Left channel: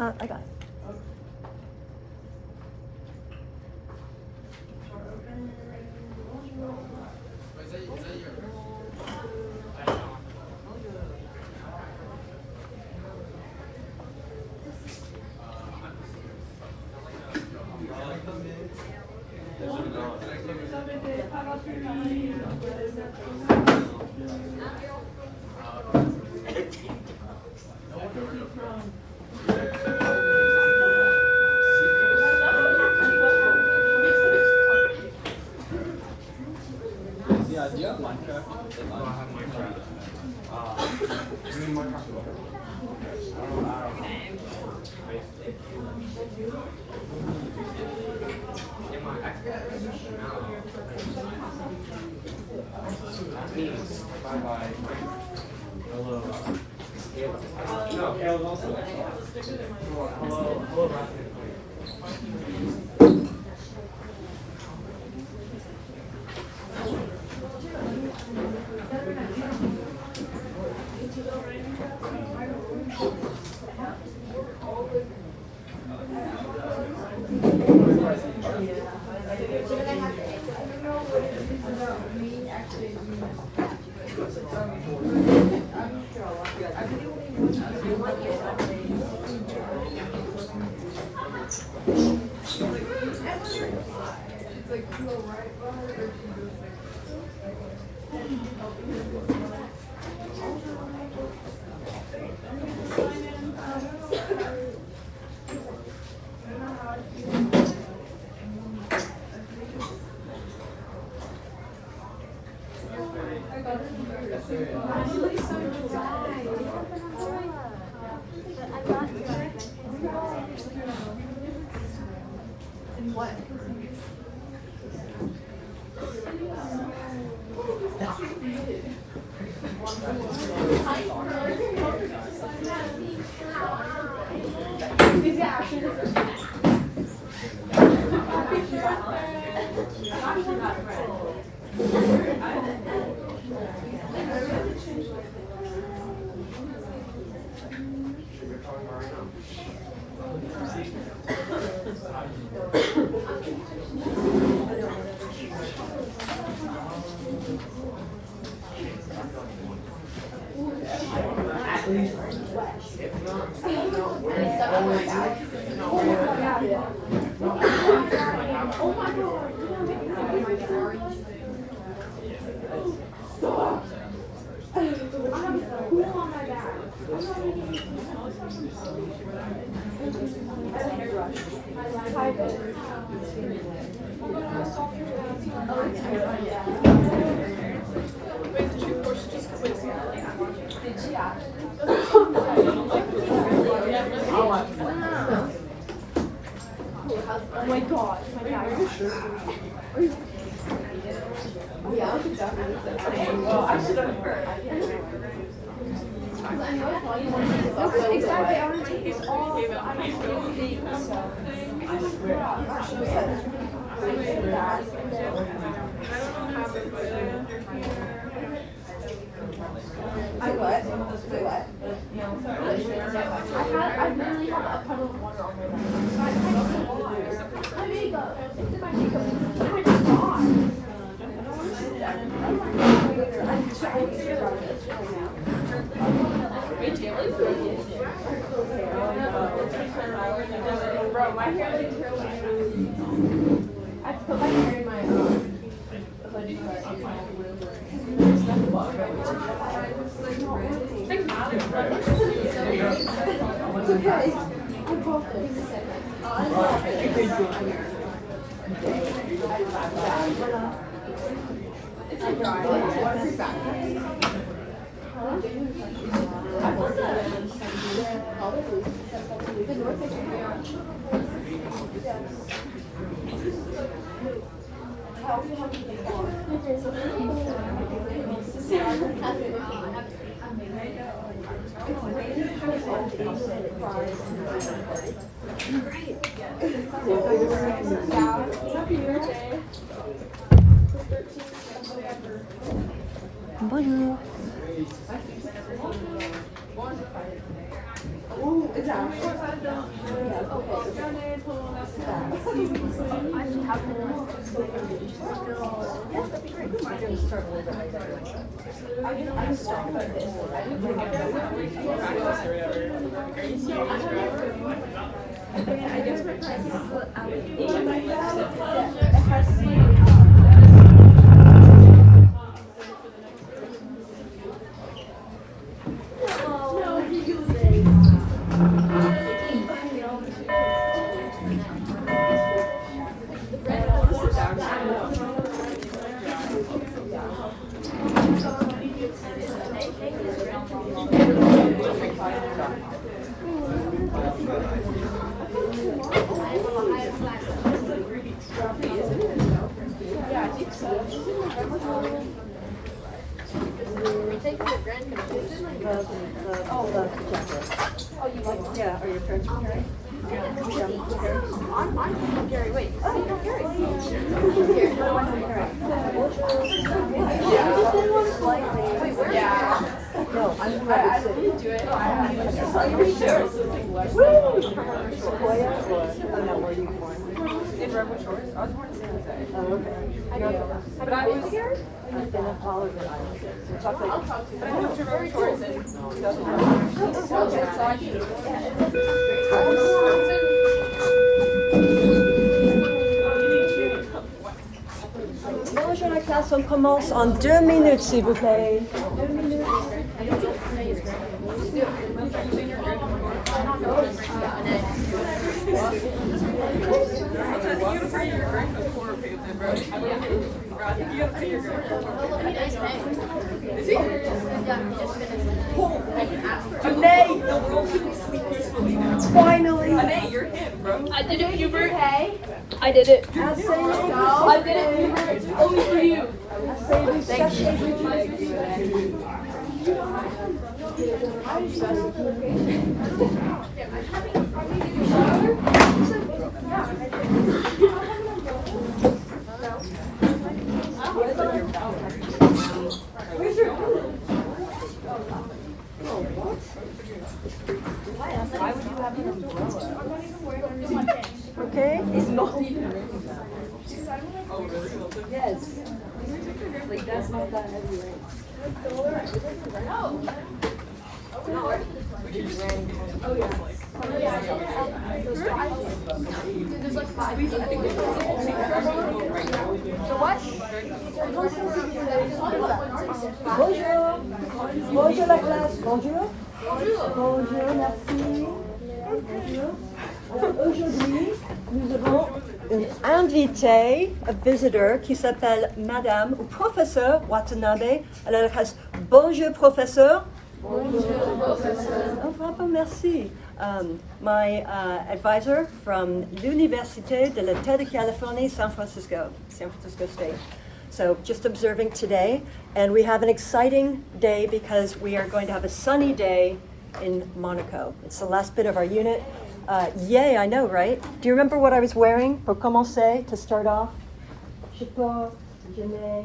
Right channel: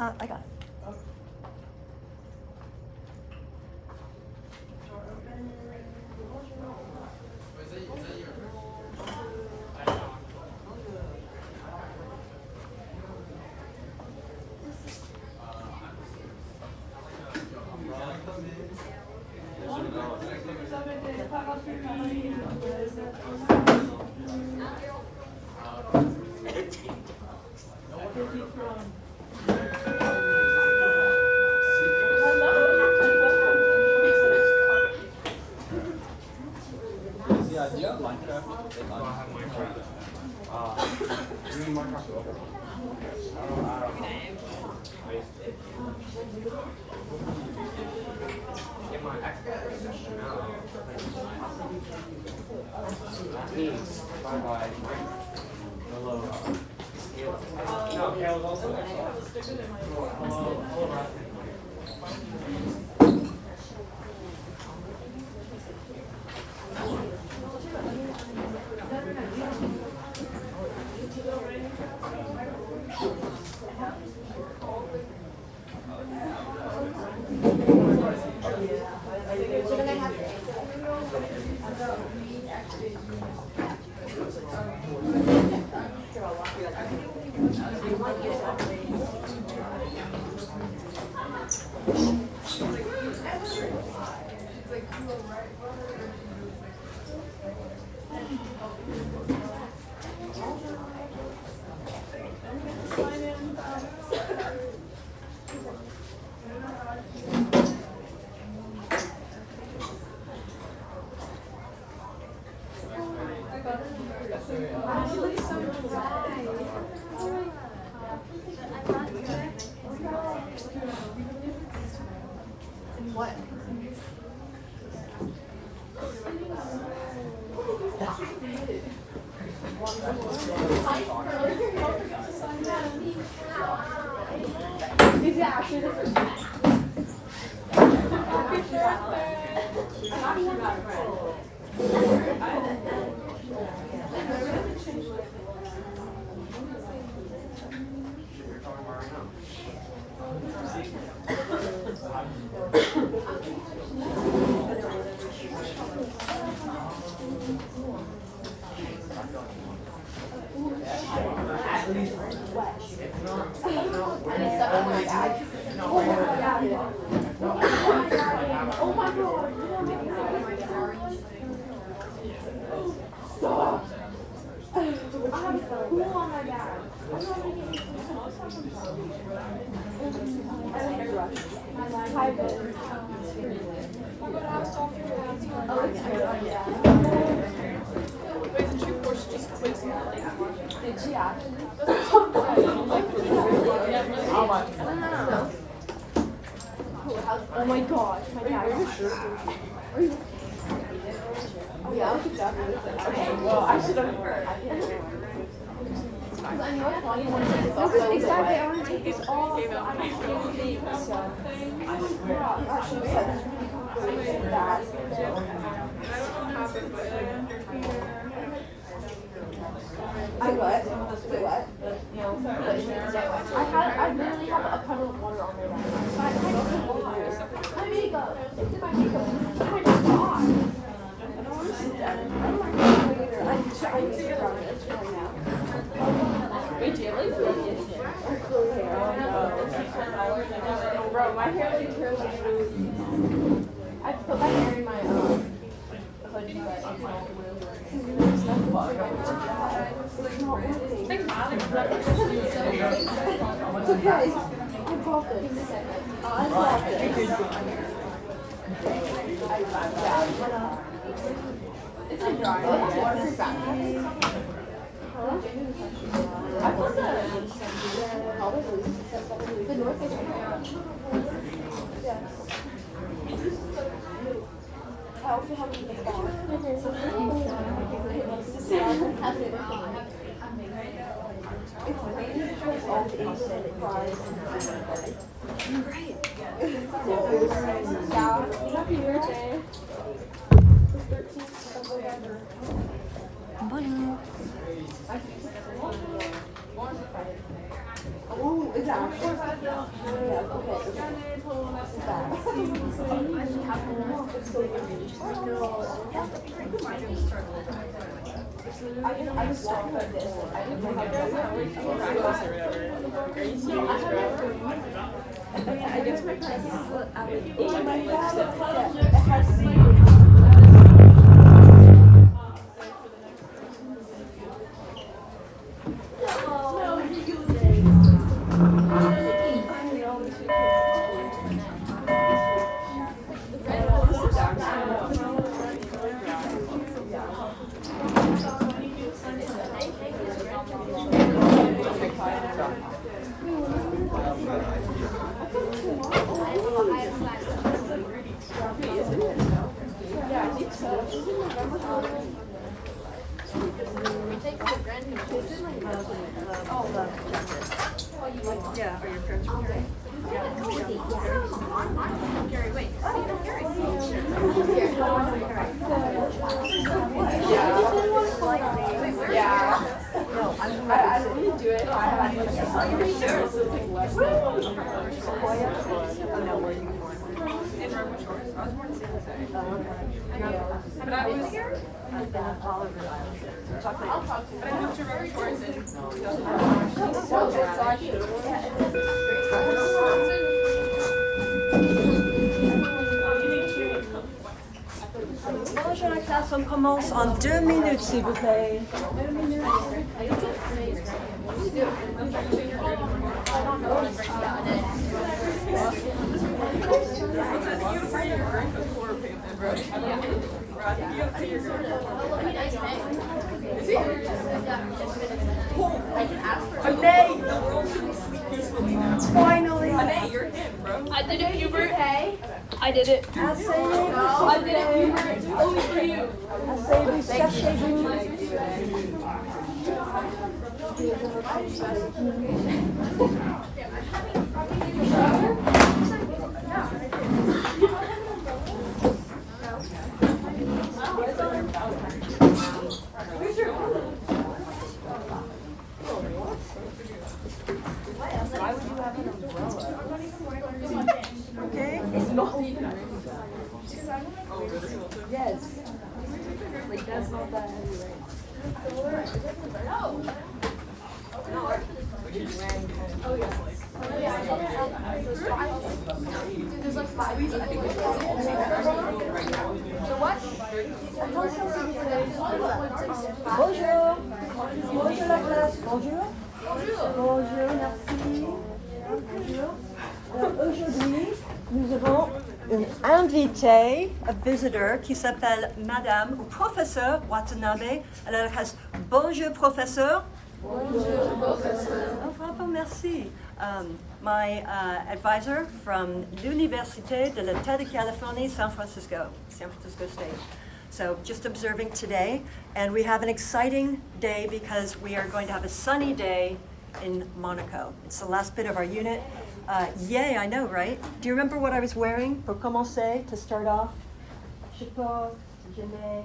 I got it. Oh my gosh. I should have heard. Bonjour. The jacket. Oh, you like it? Yeah, are your parents from Harry? Yeah. I'm from Harry. Wait. Oh, you know Harry? Wait, where are you? No, I'm from Redwood City. Sequoia or, oh no, where are you born? In Redwood Shores. I was born in San Jose. Oh, okay. But I was here. I've been on all over the island. So talk like, But I moved to Redwood Shores in 2011. Bonjour la classe, on commence en 2 minutes s'il vous plaît. 2 minutes. Finally. I did it, Hubert. Hey. I did it. I did it, Hubert. Only for you. Okay. Bonjour. Bonjour la classe. Bonjour. Bonjour, merci. Bonjour. Alors aujourd'hui, nous avons une invitée, a visitor, qui s'appelle Madame ou Professeur Watanabe. Alors elle reste bonjour professeur. Oh, bravo, merci. My advisor from l'Université de l'État de Californie, San Francisco State. So just observing today, and we have an exciting day because we are going to have a sunny day in Monaco. It's the last bit of our unit. Yay, I know, right? Do you remember what I was wearing pour commencer, to start off? Chapeau, je mets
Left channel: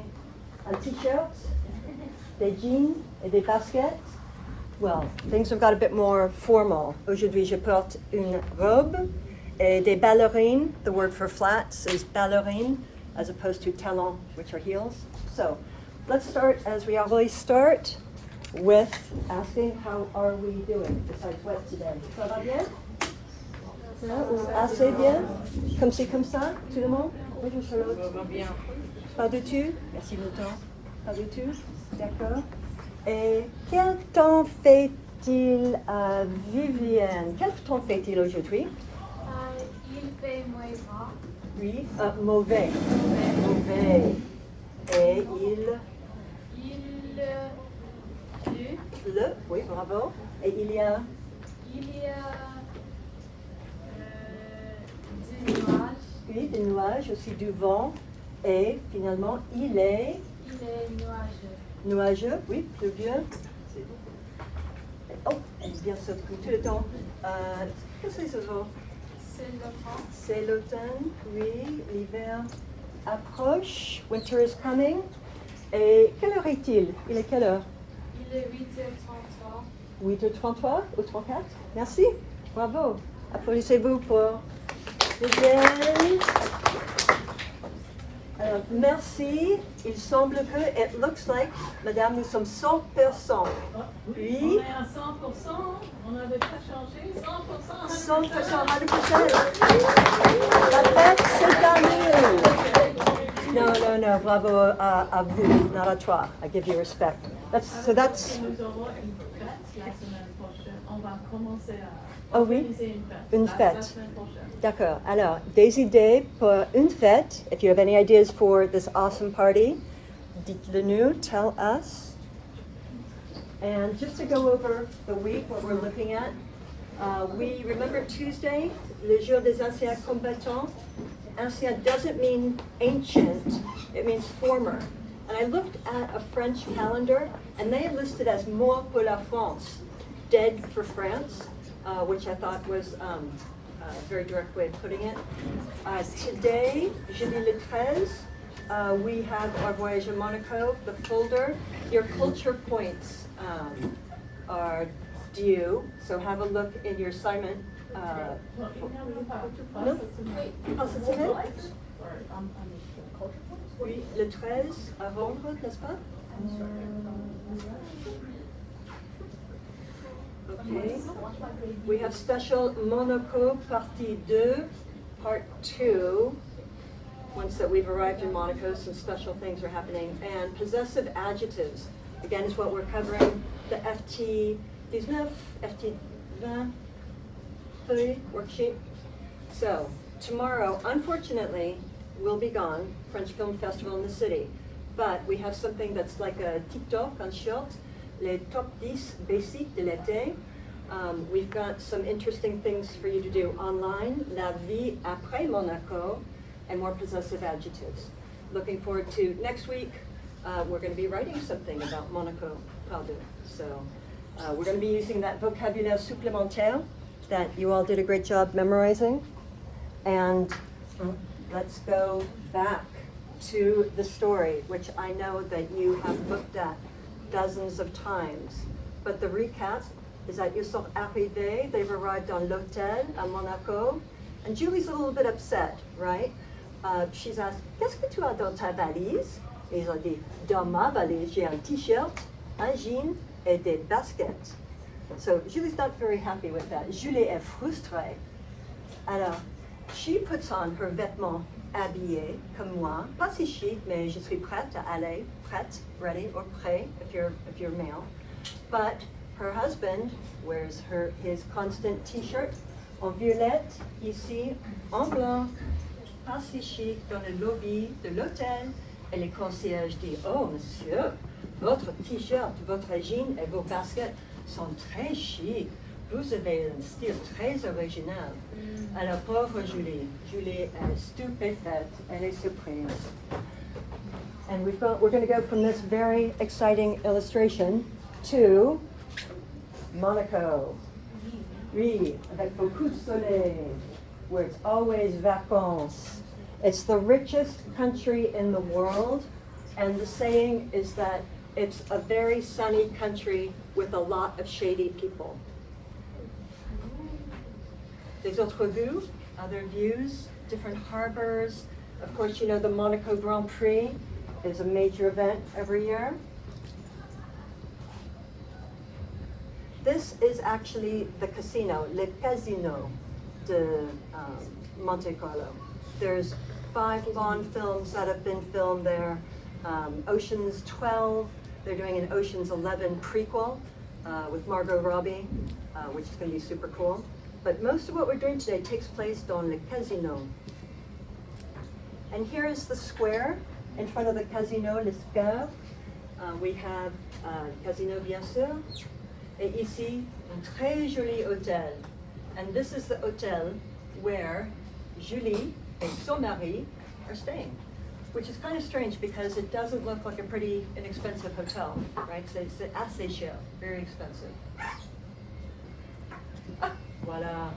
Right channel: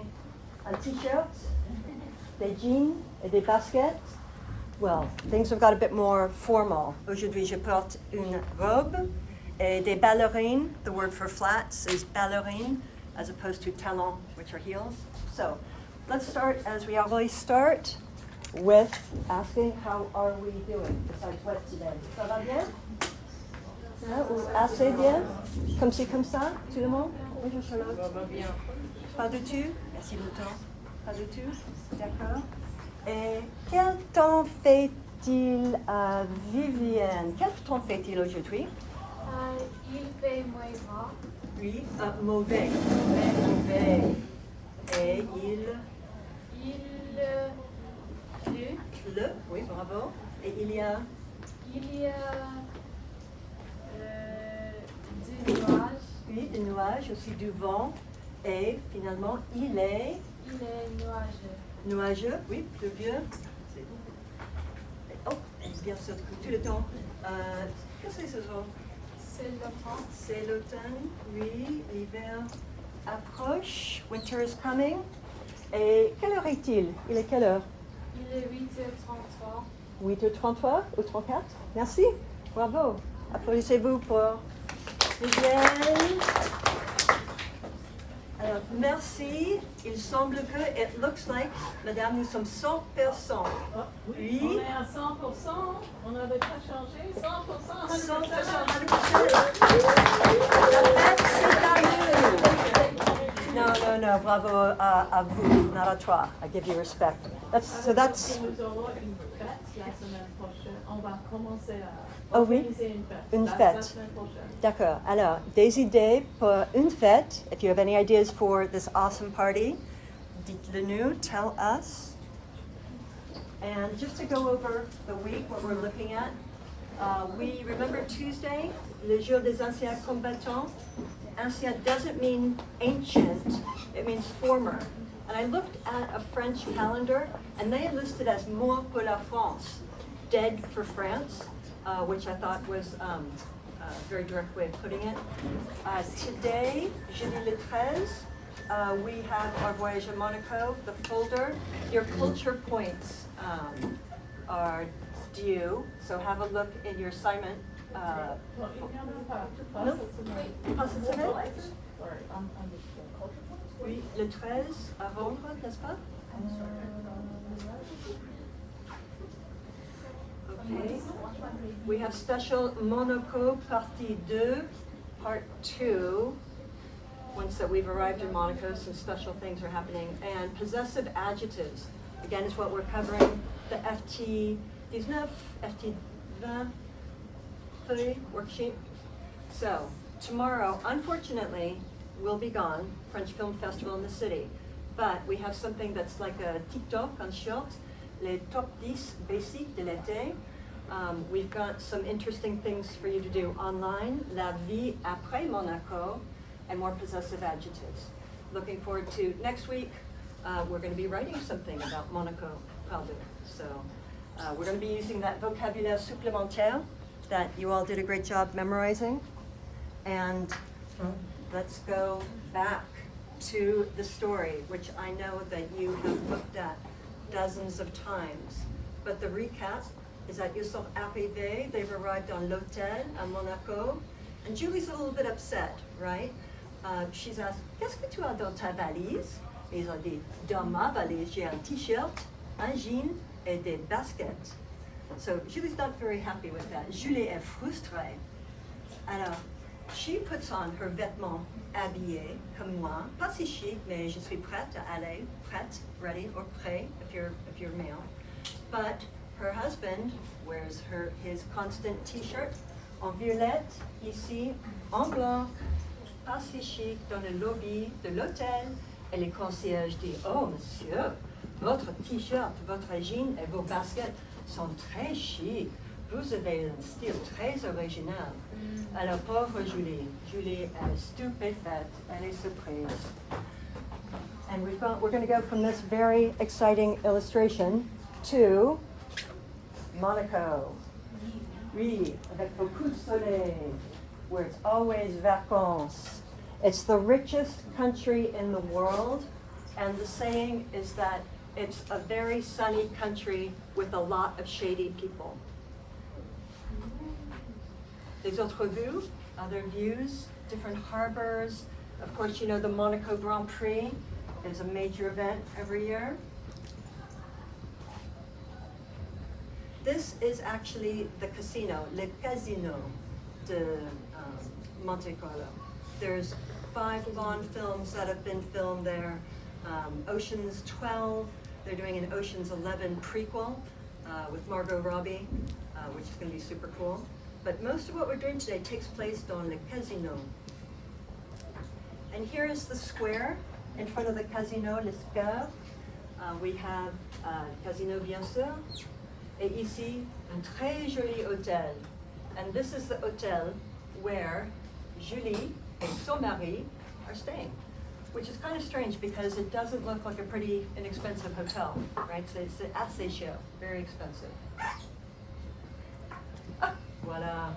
un t-shirt, des jeans et des baskets. Well, things have got a bit more formal. Aujourd'hui, je porte une robe et des ballerines. The word for flats is ballerine, as opposed to talons, which are heels. So, let's start, as we always start, with asking how are we doing, besides what today? Ça va bien? Ou assez bien? Comme ci, comme ça? Tout le monde? Bonjour Charlotte. Pas du tout? Merci longtemps. Pas du tout? D'accord. Et quel temps fait-il à Vivienne? Quel temps fait-il aujourd'hui? Il fait moins. Oui, mauvais. Mauvais. Et oui, bravo. Et il y a du nuage. oui, des nuages, aussi du vent. Et finalement, il est nuageux. nuageux, oui, pluvieux. Oh, bien sûr, tout le temps. Qu'est-ce que c'est ce vent? C'est l'automne, oui, l'hiver approche, winter is coming. Et quelle heure est-il? Il est quelle heure? Il est 8h33. 8h33 ou 34? Merci. Bravo. Applaudissez-vous pour Vivienne. Alors, merci. Il semble que, it looks like, madame, nous sommes 100 personnes. Oui. On est à 100%, on n'avait pas changé, 100%. 100% l'année prochaine. La fête, c'est à nous. Non, bravo à vous, not à toi. I give you respect. So that's, Nous aurons une fête la semaine prochaine. On va commencer à oh oui, organiser une fête. une La fête. semaine prochaine. D'accord. Alors, des idées pour une fête. If you have any ideas for this awesome party, dites-le nous, tell us. And just to go over the week, what we're looking at, we remember Tuesday, le jour des anciens combattants. Ancien doesn't mean ancient, it means former. And I looked at a French calendar, and they listed as mort pour la France, dead for France, which I thought was a very direct way of putting it. Today, jeudi le 13, we have our voyage in Monaco, the folder. Your culture points are due, so have a look in your assignment. Non? Pas cette semaine? Oui, le 13 à rendre, n'est-ce pas? Okay. We have special Monaco Partie 2, Part 2. Once that we've arrived in Monaco, some special things are happening. And possessive adjectives, again, is what we're covering. The FT 19, FT 20 feuille worksheet. So, tomorrow, unfortunately, we'll be gone, French Film Festival in the city. But we have something that's like a TikTok on short, les top 10 basiques de l'été. We've got some interesting things for you to do online, la vie après Monaco, and more possessive adjectives. Looking forward to next week. We're going to be writing something about Monaco, pardon. So we're going to be using that vocabulaire supplémentaire that you all did a great job memorizing. And let's go back to the story, which I know that you have looked at dozens of times. But the recap is that ils sont arrivés, they've arrived on l'hôtel à Monaco, and Julie's a little bit upset, right? She's asked, qu'est-ce que tu as dans ta valise? Et ils ont dit, dans ma valise, j'ai un t-shirt, un jean et des baskets. So Julie's not very happy with that. Julie est frustrée. Alors, she puts on her vêtements habillés, comme moi, pas si chic, mais je suis prête à aller, prête, ready, or prêt, if you're male. But her husband wears his constant t-shirt en violette, ici, en blanc, pas si chic, dans le lobby de l'hôtel. Et le concierge dit, oh monsieur, votre t-shirt, votre jean et vos baskets sont très chic. Vous avez un style très original. Alors, pauvre Julie, elle est stupéfaite, elle est surprise. And we're going to go from this very exciting illustration to Monaco. Oui, avec beaucoup de soleil, where it's always vacances. It's the richest country in the world, and the saying is that it's a very sunny country with a lot of shady people. Des autres vues, other views, different harbors. Of course, you know the Monaco Grand Prix is a major event every year. This is actually the casino, Le Casino de Monte Carlo. There's 5 Bond films that have been filmed there. Ocean's 12, they're doing an Ocean's 11 prequel with Margot Robbie, which is going to be super cool. But most of what we're doing today takes place dans Le Casino. And here is the square in front of the Casino, Les Scaves. We have Casino, bien sûr. Et ici, un très joli hôtel. And this is the hotel where Julie and son mari are staying, which is kind of strange because it doesn't look like a pretty inexpensive hotel, right? So it's assez cher, very expensive. Voila,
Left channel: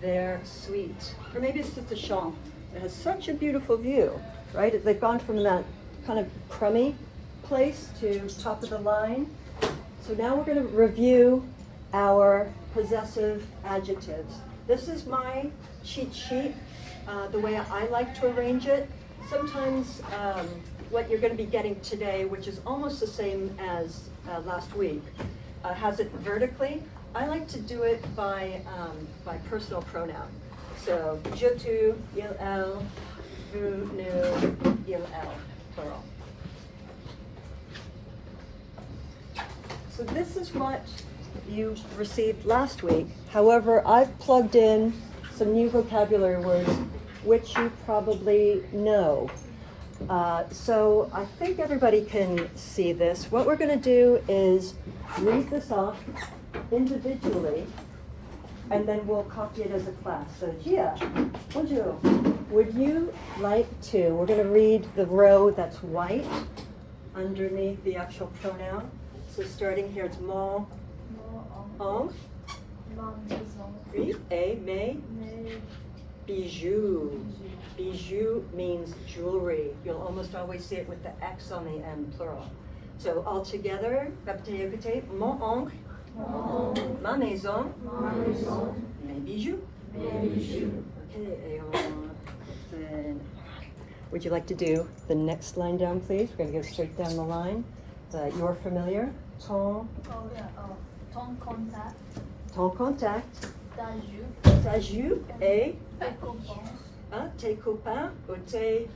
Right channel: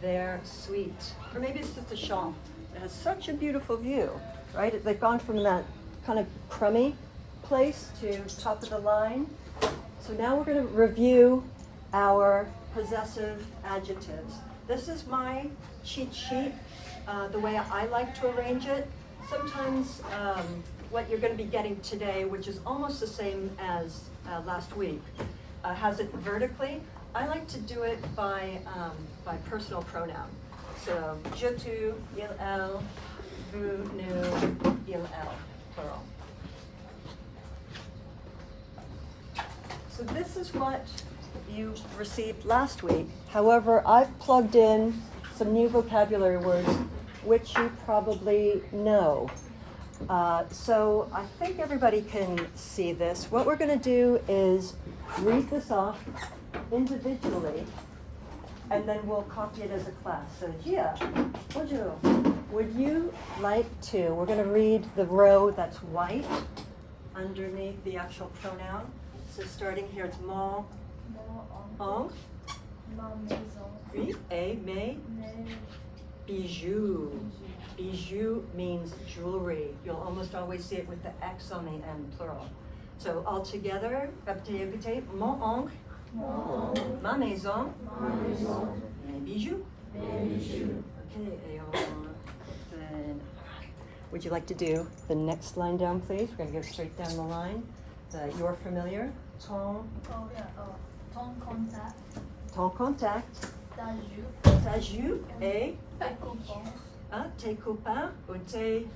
their suite. Or maybe it's just a chambre. It has such a beautiful view, right? They've gone from that kind of crummy place to top of the line. So now we're going to review our possessive adjectives. This is my cheat sheet, the way I like to arrange it. Sometimes what you're going to be getting today, which is almost the same as last week, has it vertically. I like to do it by personal pronoun. So, je, tu, il, elle, vous, nous, il, elle, plural. So this is what you received last week. However, I've plugged in some new vocabulary words which you probably know. So I think everybody can see this. What we're going to do is read this off individually, and then we'll copy it as a class. So Gia, bonjour. Would you like to, we're going to read the row that's white underneath the actual pronoun. So starting here, it's mon, on, oui, et, mais, bijou. Bijou means jewelry. You'll almost always see it with the X on the end, plural. So all together, répétez, répétez. Mon oncle, ma maison, mes bijoux. Okay, then would you like to do the next line down, please? We're going to go straight down the line. You're familiar. Ton contact, ton contact, ta jupe et tes copains ou tes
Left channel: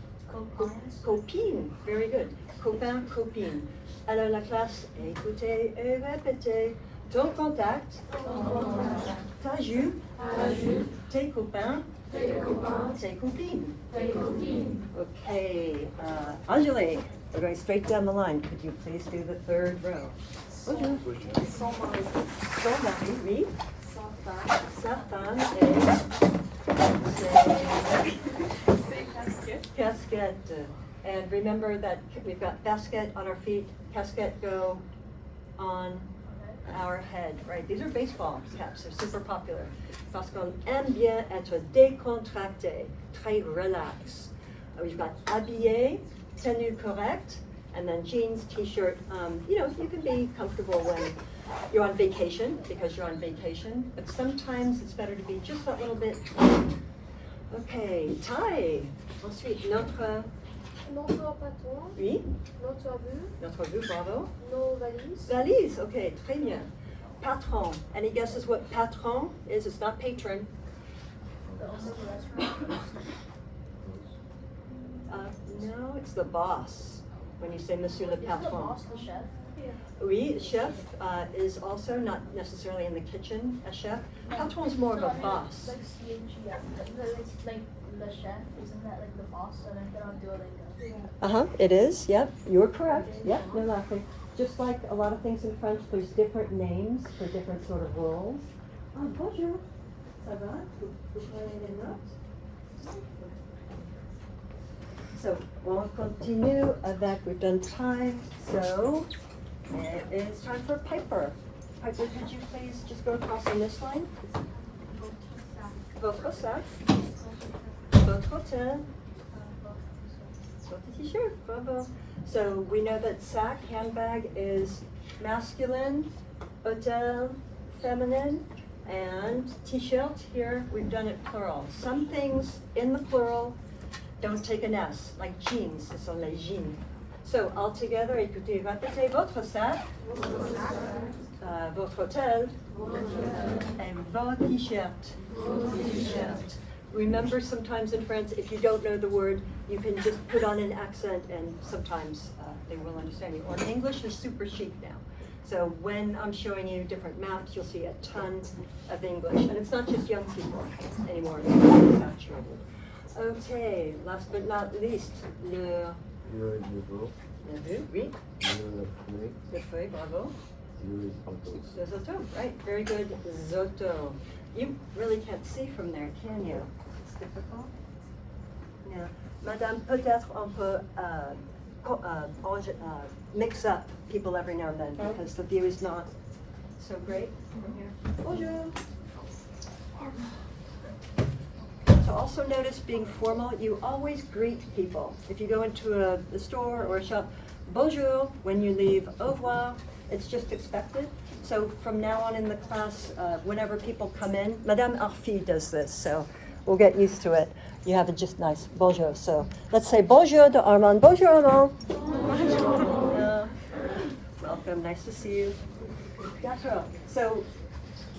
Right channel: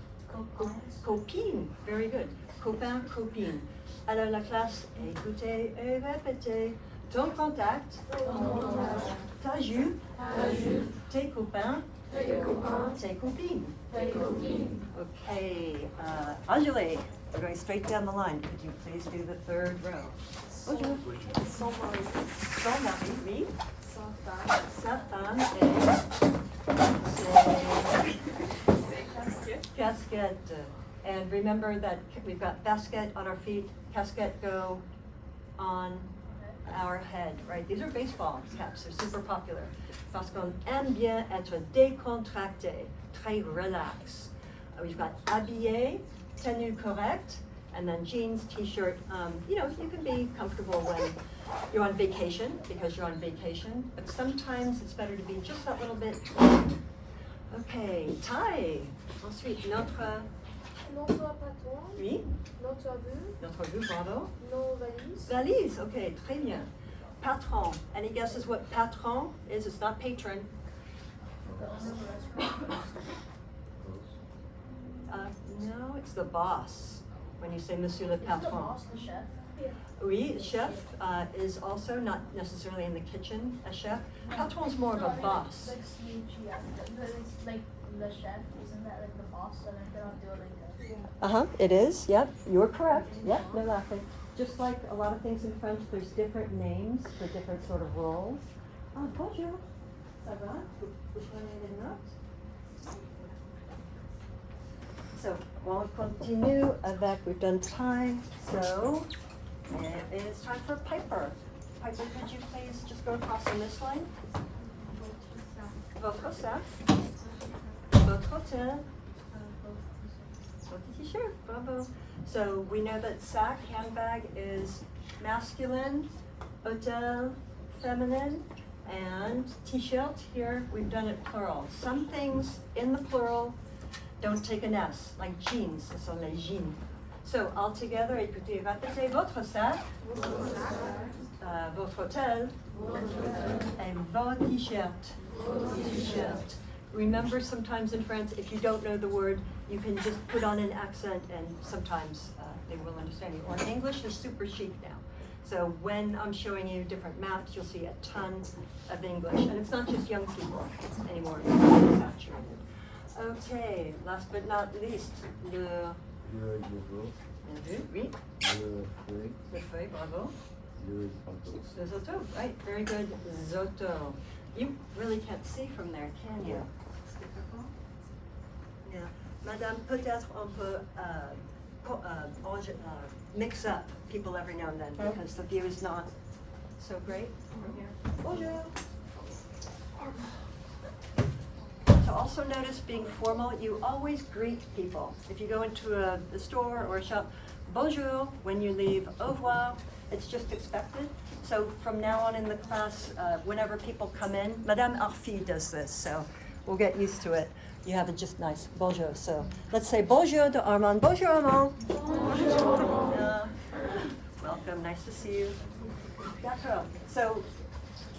copines. Very good. Copains, copines. Alors la classe, écoutez et répétez. Ton contact, ta jupe, tes copains, tes copines. Okay, Anjali, we're going straight down the line. Could you please do the third row? Bonjour. Son mari, oui. Sa femme est casquette. And remember that we've got basket on our feet, casquette go on our head, right? These are baseball caps, they're super popular. Parce qu'on aime bien être décontracté, très relax. We've got habillé, tenue correcte, and then jeans, t-shirt. You know, you can be comfortable when you're on vacation, because you're on vacation, but sometimes it's better to be just that little bit. Okay, taille. Ensuite, notre... Notre patron, Oui, notre vue, notre vue, bravo. nos valises. Valise, okay, très bien. Patron. Any guesses what patron is? It's not patron. No, it's the boss. When you say Monsieur le Patron. Oui, chef is also not necessarily in the kitchen, a chef. Patron is more of a boss. Like CHEF. It's like the chef, isn't that like the boss? So I cannot do it. It is, yep, you're correct. Yep, no laughing. Just like a lot of things in French, there's different names for different sort of roles. Oh, bonjour. Ça va? Vous prenez des notes? So, on continue avec, we've done time, so it is time for Piper. Piper, could you please just go across on this line? Votre sac, votre hotel, votre t-shirt, bravo. So we know that sac, handbag, is masculine, hotel, feminine, and t-shirt here, we've done it plural. Some things in the plural don't take an S, like jeans, ce sont les jeans. So all together, écoutez, répétez votre sac, votre hotel, and vos t-shirts. Remember, sometimes in France, if you don't know the word, you can just put on an accent, and sometimes they will understand you. Well, English is super chic now. So when I'm showing you different maps, you'll see a ton of English. And it's not just young people anymore, it's saturated. Okay, last but not least, le oui, le feuille, bravo. Le Zoto, right, very good, Zoto. You really can't see from there, can you? It's difficult. Yeah. Madame, peut-être on peut mix up people every now and then because the view is not so great. Bonjour. So also notice being formal, you always greet people. If you go into a store or a shop, bonjour. When you leave, au revoir. It's just expected. So from now on in the class, whenever people come in, Madame Arfi does this, so we'll get used to it. You have it just nice, bonjour. So let's say bonjour to Armand. Bonjour, Armand. Bonjour. Welcome, nice to see you. D'accord. So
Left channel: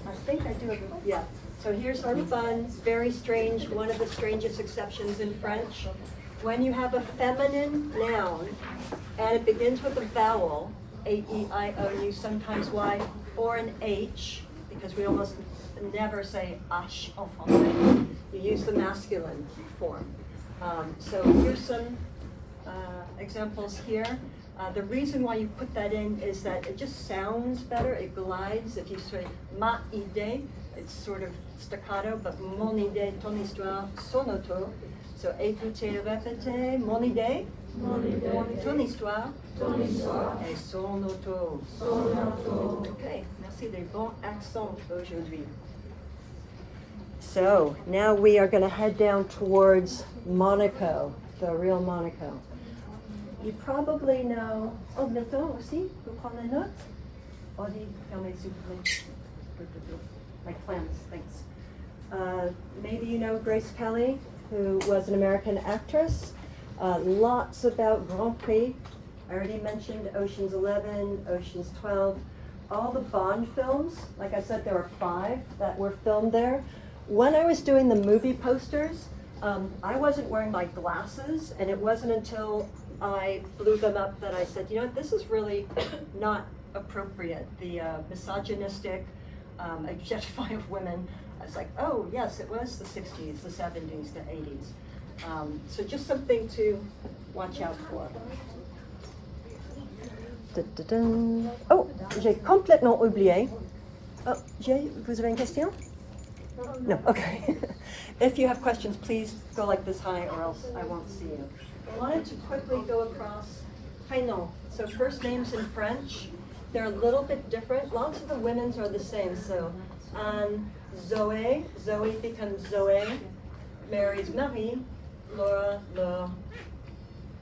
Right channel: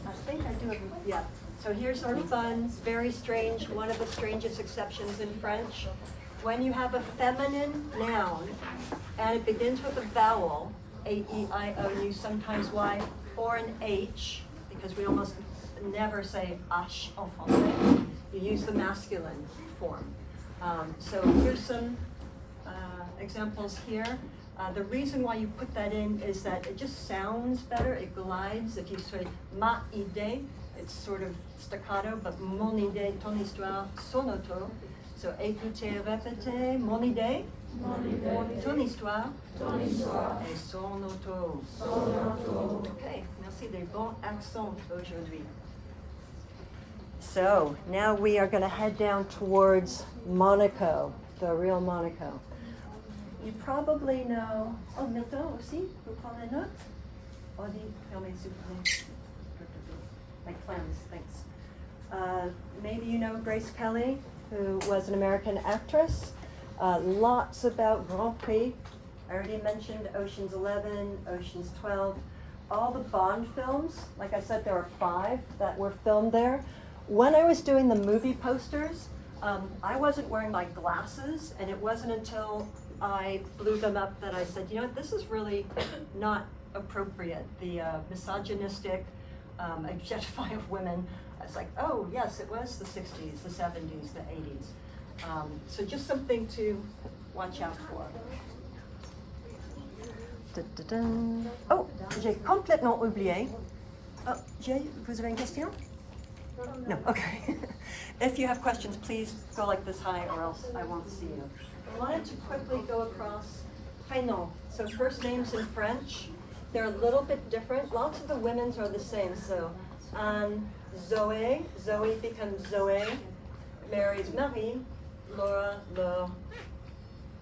I think I do it, yeah. So here's our fun, very strange, one of the strangest exceptions in French. When you have a feminine noun and it begins with a vowel, A-E-I-O, you sometimes Y, or an H, because we almost never say H en français. You use the masculine form. So here's some examples here. The reason why you put that in is that it just sounds better, it glides. If you say ma idée, it's sort of staccato, but mon idée, ton histoire, son auto. So écoutez, répétez, mon idée, ton histoire, et son auto. Okay, merci des bons accents aujourd'hui. So now we are going to head down towards Monaco, the real Monaco. You probably know, oh, Milton aussi, vous prenez notes? Audie, fermez s'il vous plaît. My clams, thanks. Maybe you know Grace Kelly, who was an American actress. Lots about Grand Prix. I already mentioned Ocean's 11, Ocean's 12. All the Bond films, like I said, there were 5 that were filmed there. When I was doing the movie posters, I wasn't wearing my glasses, and it wasn't until I blew them up that I said, you know, this is really not appropriate. The misogynistic objectifying of women. I was like, oh yes, it was the 60s, the 70s, the 80s. So just something to watch out for. Da-da-dun. Oh, j'ai complètement oublié. Oh, vous avez une question? No, okay. If you have questions, please go like this high or else I won't see you. I wanted to quickly go across prénom. So first names in French, they're a little bit different. Lots of the women's are the same. So Zoe becomes Zoe, Mary's Marie, Laura, Laure,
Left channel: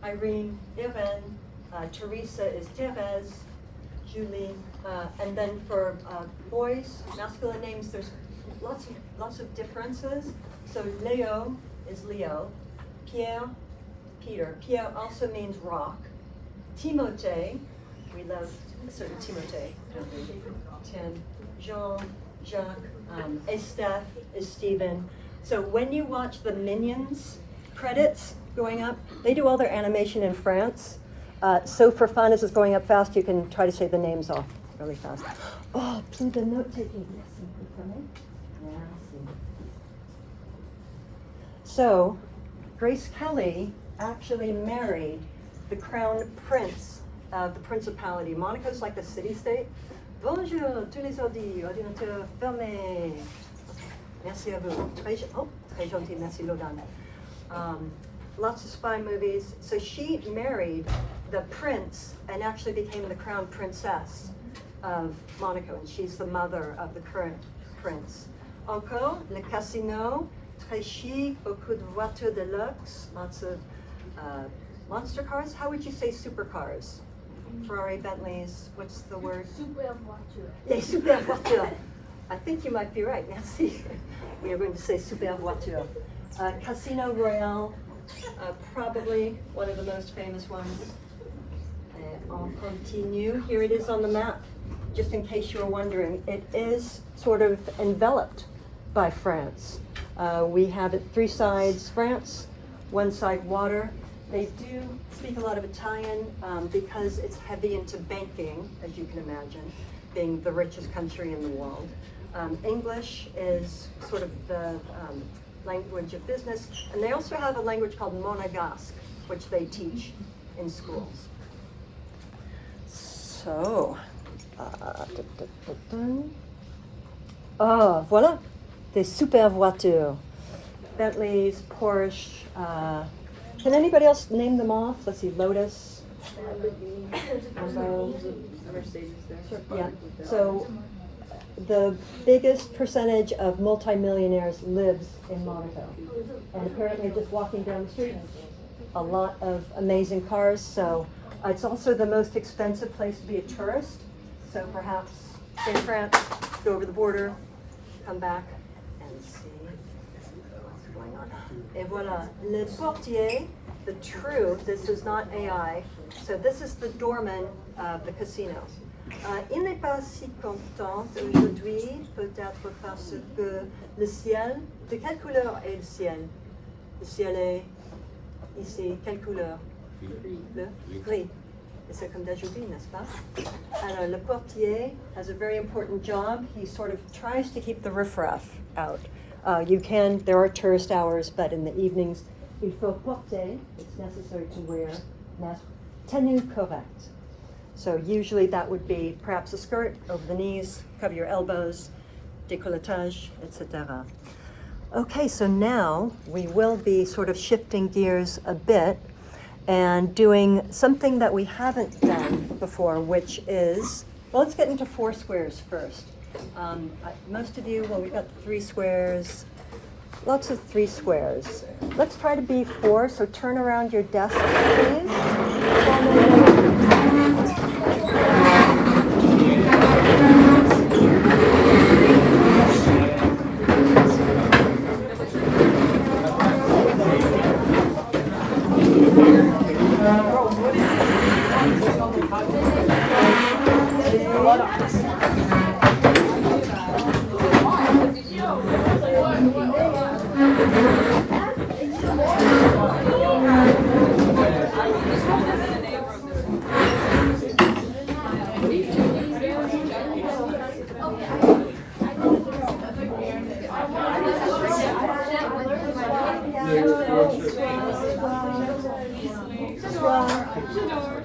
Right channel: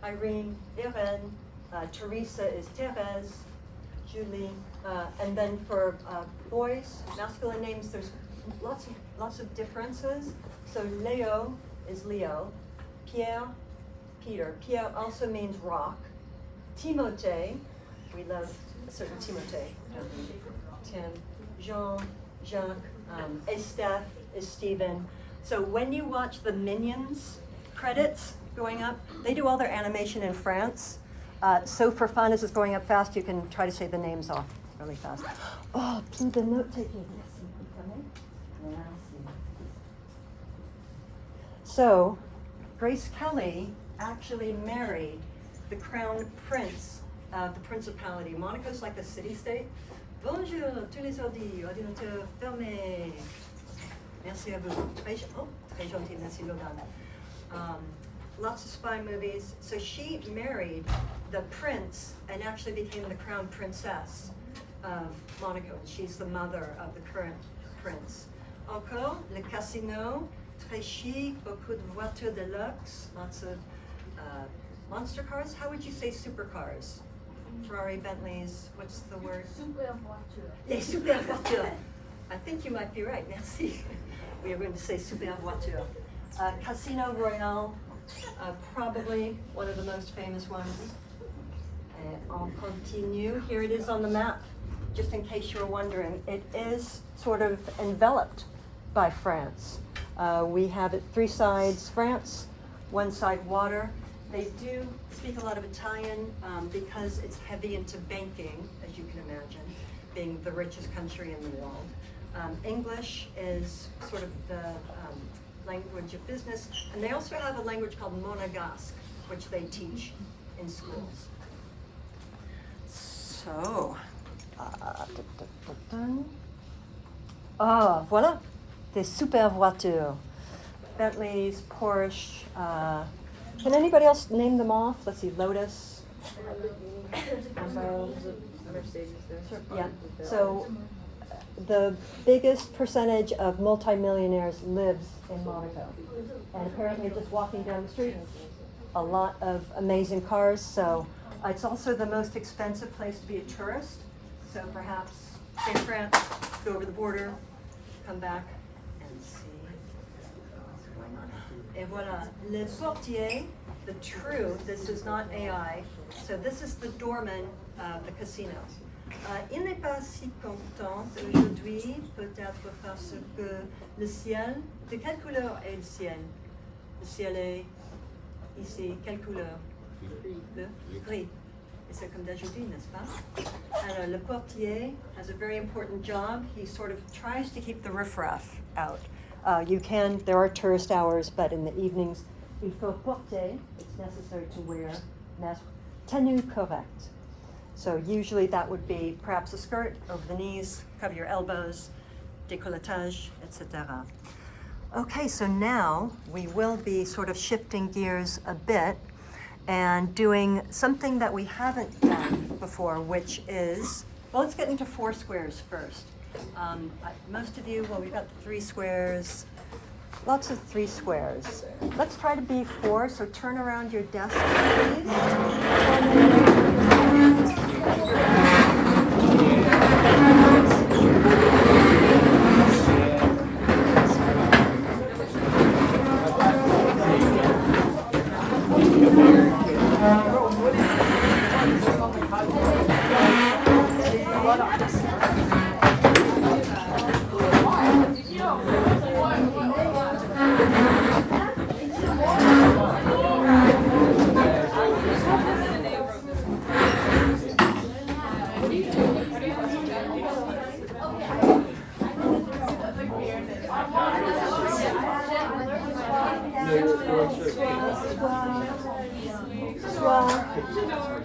Irene, Irene, Teresa is Thérèse, Julie, and then for boys, masculine names, there's lots of differences. So Leo is Leo, Pierre, Peter. Pierre also means rock. Timothée, we love a certain Timothée, don't we? Tim, Jean, Jacques, Esteph is Stephen. So when you watch the Minions credits going up, they do all their animation in France. So for fun, as it's going up fast, you can try to say the names off really fast. Oh, plus de note taking. So Grace Kelly actually married the crown prince of the Principality. Monaco's like the city-state. Bonjour, tous les ordinateurs fermés. Merci à vous. Très gentil, merci Logan. Lots of spy movies. So she married the prince and actually became the crown princess of Monaco, and she's the mother of the current prince. Encore, le casino, très chic, beaucoup de voitures de luxe, lots of monster cars. How would you say supercars? Ferrari, Bentleys, what's the word? Super voiture. Les super voitures. I think you might be right, merci. We are going to say super voiture. Casino Royale, probably one of the most famous ones. On continue. Here it is on the map, just in case you were wondering. It is sort of enveloped by France. We have it 3 sides France, 1 side water. They do speak a lot of Italian because it's heavy into banking, as you can imagine, being the richest country in the world. English is sort of the language of business, and they also have a language called Monégasque, which they teach in schools. So, oh, voilà, des super voitures. Bentleys, Porsche. Can anybody else name them off? Let's see, Lotus. Lambo. Yeah. So the biggest percentage of multimillionaires lives in Monaco, and apparently just walking down the street, a lot of amazing cars. So it's also the most expensive place to be a tourist. So perhaps Stay in France, go over the border, come back, and see what's going on. Et voilà, le portier, the true, this is not AI, so this is the doorman of the casino. Il n'est pas si content aujourd'hui, peut-être parce que le ciel, de quelle couleur est le ciel? Le ciel est ici, quelle couleur? Bleu? Gris. Et c'est comme d'aujourd'hui, n'est-ce pas? Alors, le portier has a very important job. He sort of tries to keep the riffraff out. There are tourist hours, but in the evenings, il faut porter, it's necessary to wear tenue correcte. So usually that would be perhaps a skirt over the knees, cover your elbows, décolletage, etc. Okay, so now we will be sort of shifting gears a bit and doing something that we haven't done before, which is, well, let's get into 4 squares first. Most of you, well, we've got the 3 squares, lots of 3 squares. Let's try to be 4, so turn around your desk, please.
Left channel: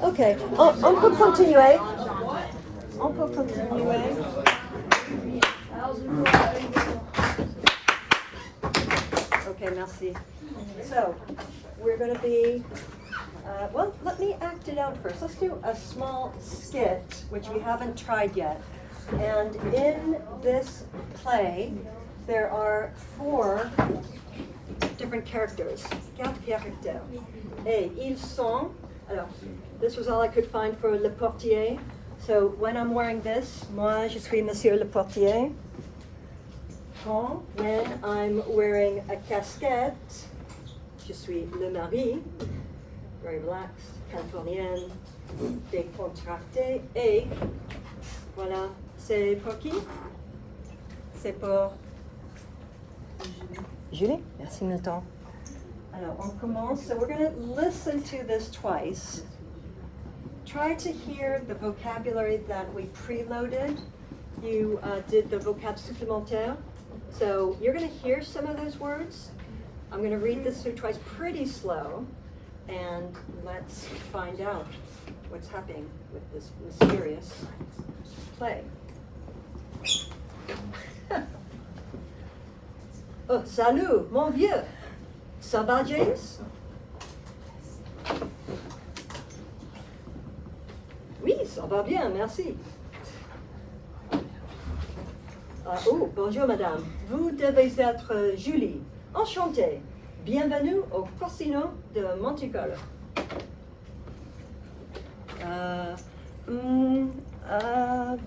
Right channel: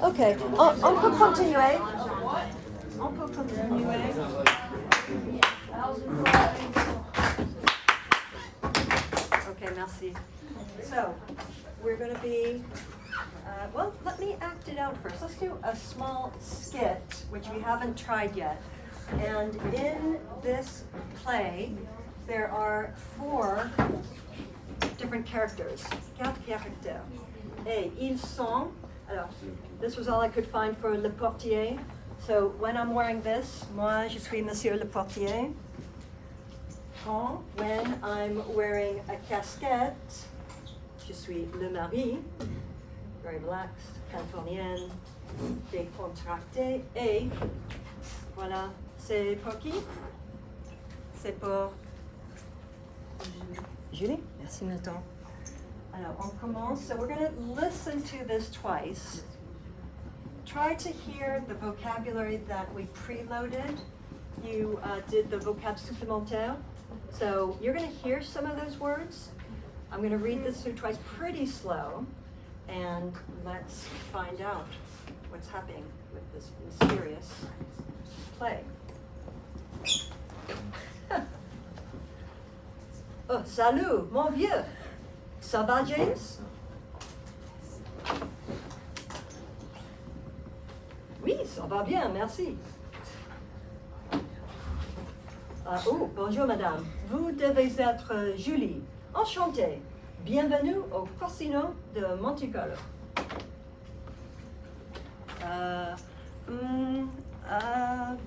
Ok, on peut continuer. On peut continuer. Okay, merci. So, we're going to be, well, let me act it out first. Let's do a small skit, which we haven't tried yet. And in this play, there are 4 different characters. 4 caractères. Et ils sont, alors, this was all I could find for le portier. So when I'm wearing this, moi je suis Monsieur le portier. When I'm wearing a casquette, je suis le mari. Very relaxed, californienne, décontractée. Et voilà, c'est pour qui? C'est pour Julie. Merci, Nathan. Alors, on commence. So we're going to listen to this twice. Try to hear the vocabulary that we preloaded. You did the vocab supplémentaire. So you're going to hear some of those words. I'm going to read this through twice pretty slow. And let's find out what's happening with this mysterious play. Oh, salut, mon vieux. Ça va, James? Oui, ça va bien, merci. Oh, bonjour, madame. Vous devez être Julie. Enchantée. Bienvenue au Casino de Monte-Carlo.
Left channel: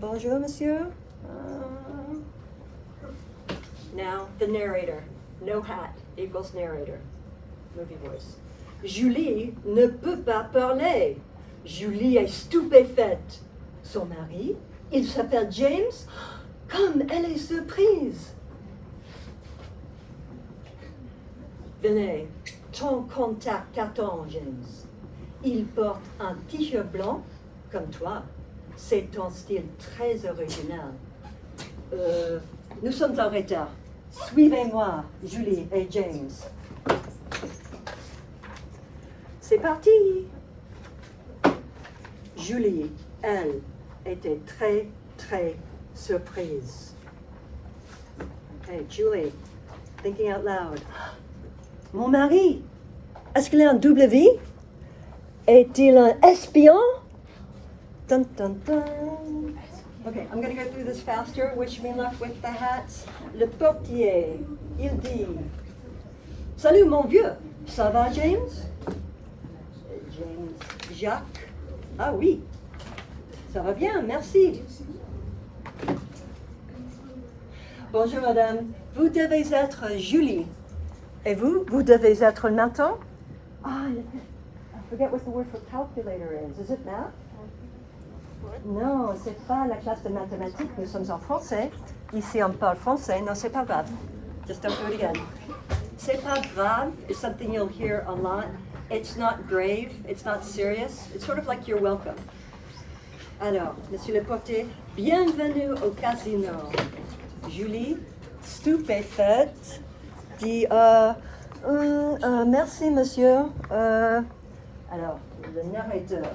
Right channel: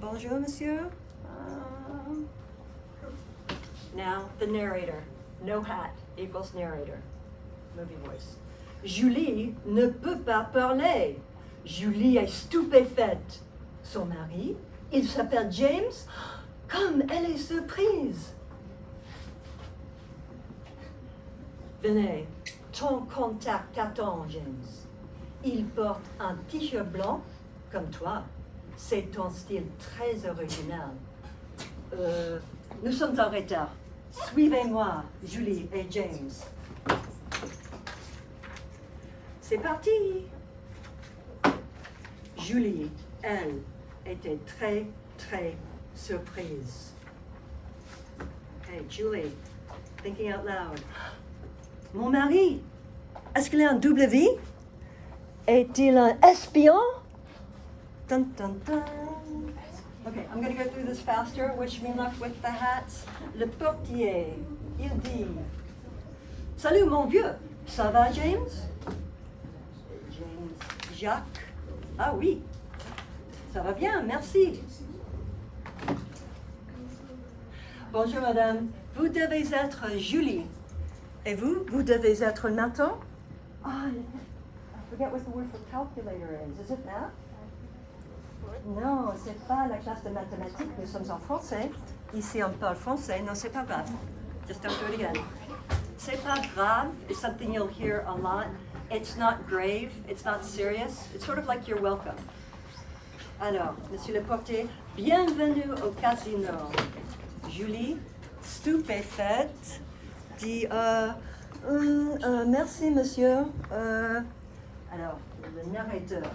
Bonjour, monsieur. Now, the narrator. No hat equals narrator. Movie voice. Julie ne peut pas parler. Julie est stupéfaite. Son mari, il s'appelle James. Comme elle est surprise. Venez, ton contact t'attend, James. Il porte un t-shirt blanc, comme toi. C'est ton style très original. Nous sommes en retard. Suivez-moi, Julie et James. C'est parti. Julie, elle, était très, très surprise. Okay, Julie, thinking out loud. Mon mari, est-ce qu'il a un double vie? Est-il un espion? Dun, dun, dun. Okay, I'm going to go through this faster. Wish me luck with the hats. Le portier, il dit, salut mon vieux, ça va James? James, Jacques, ah oui, ça va bien, merci. Bonjour madame, vous devez être Julie. Et vous, vous devez être Nathan? Ah, I forget what the word for calculator is. Is it that? Non, c'est pas la classe de mathématiques, nous sommes en français. Ici on parle français, non c'est pas grave. Just don't do it again. C'est pas grave is something you'll hear a lot. It's not grave, it's not serious. It's sort of like you're welcome. Alors, monsieur le portier, bienvenue au casino. Julie, stupéfaite, dit merci monsieur. Alors, le narrateur.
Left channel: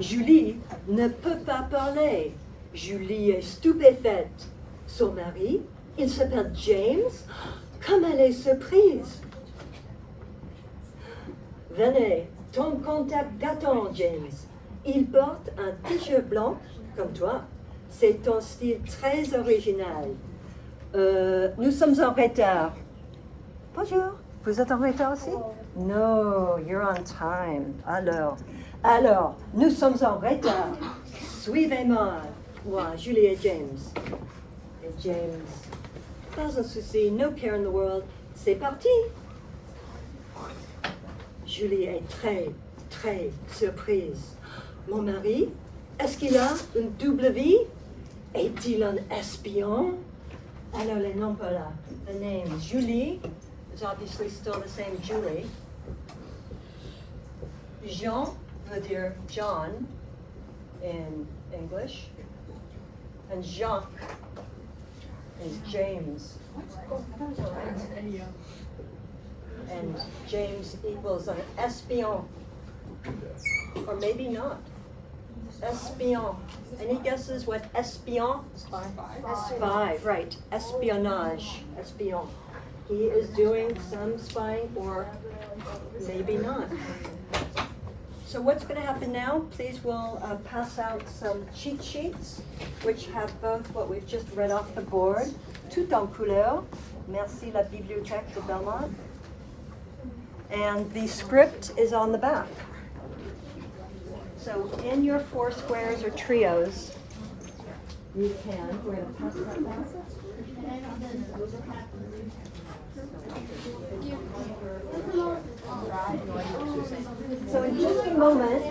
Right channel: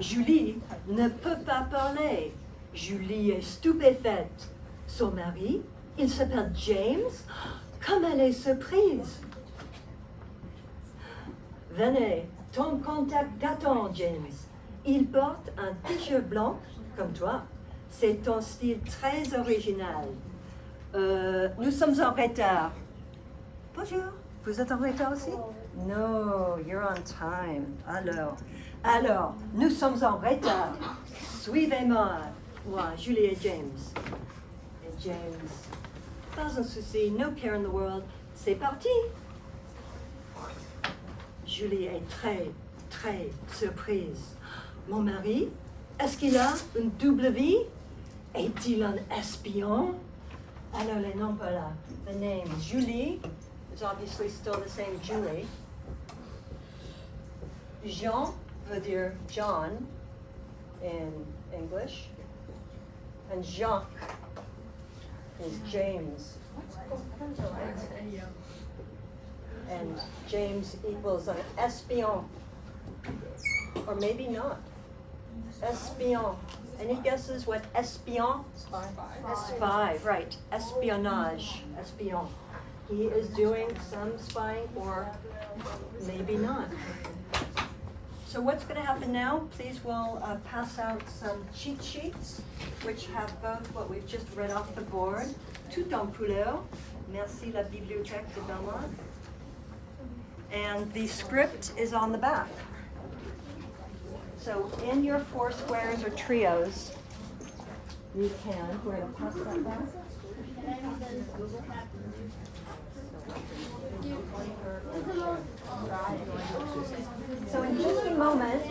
Julie ne peut pas parler. Julie est stupéfaite. Son mari, il s'appelle James. Comme elle est surprise. Venez, ton contact t'attend, James. Il porte un t-shirt blanc, comme toi. C'est ton style très original. Nous sommes en retard. Bonjour, vous êtes en retard aussi? No, you're on time. Alors, nous sommes en retard. Suivez-moi. Moi, Julie et James. Et James, pas un souci, no care in the world. C'est parti. Julie est très, très surprise. Mon mari, est-ce qu'il a une double vie? Est-il un espion? Alors, les noms pas là. The name Julie is obviously still the same Julie. Jean veut dire John in English. And Jacques is James. And James equals an espion. Or maybe not. Espion. Any guesses what espion? Spy, right. Espionage. Espion. He is doing some spying or maybe not. So what's going to happen now? Please we'll pass out some cheat sheets which have both what we've just read off the board, tout en couleur. Merci la Bibliothèque de Belmont. And the script is on the back. So in your four squares or trios, you can, we're going to pass that down. So in just a moment,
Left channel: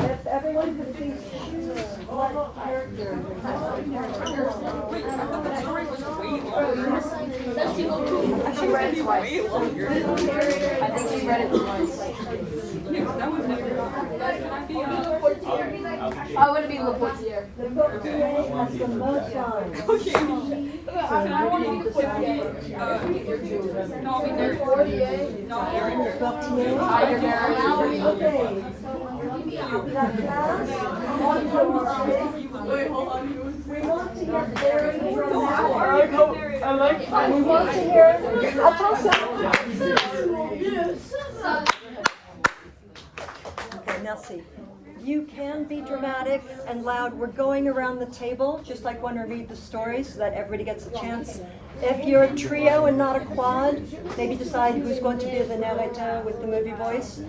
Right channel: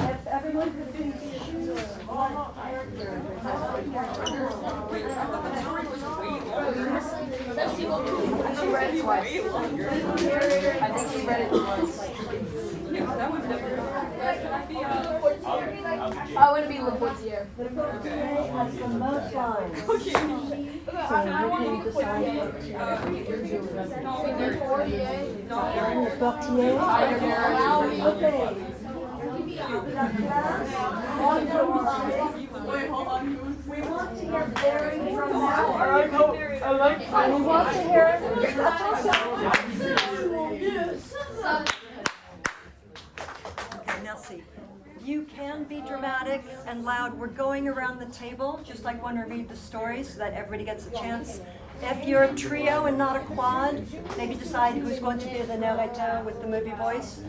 if everyone could please choose what character I want to be Le Portier. the portier has the most lines. So you can decide. Le portier. Okay. La classe, on commence. We want to get very dramatic. We want to hear, attention. Okay, merci. You can be dramatic and loud. We're going around the table, just like when we read the stories, so that everybody gets a chance. If you're a trio and not a quad, maybe decide who's going to be the narrator with the movie voice.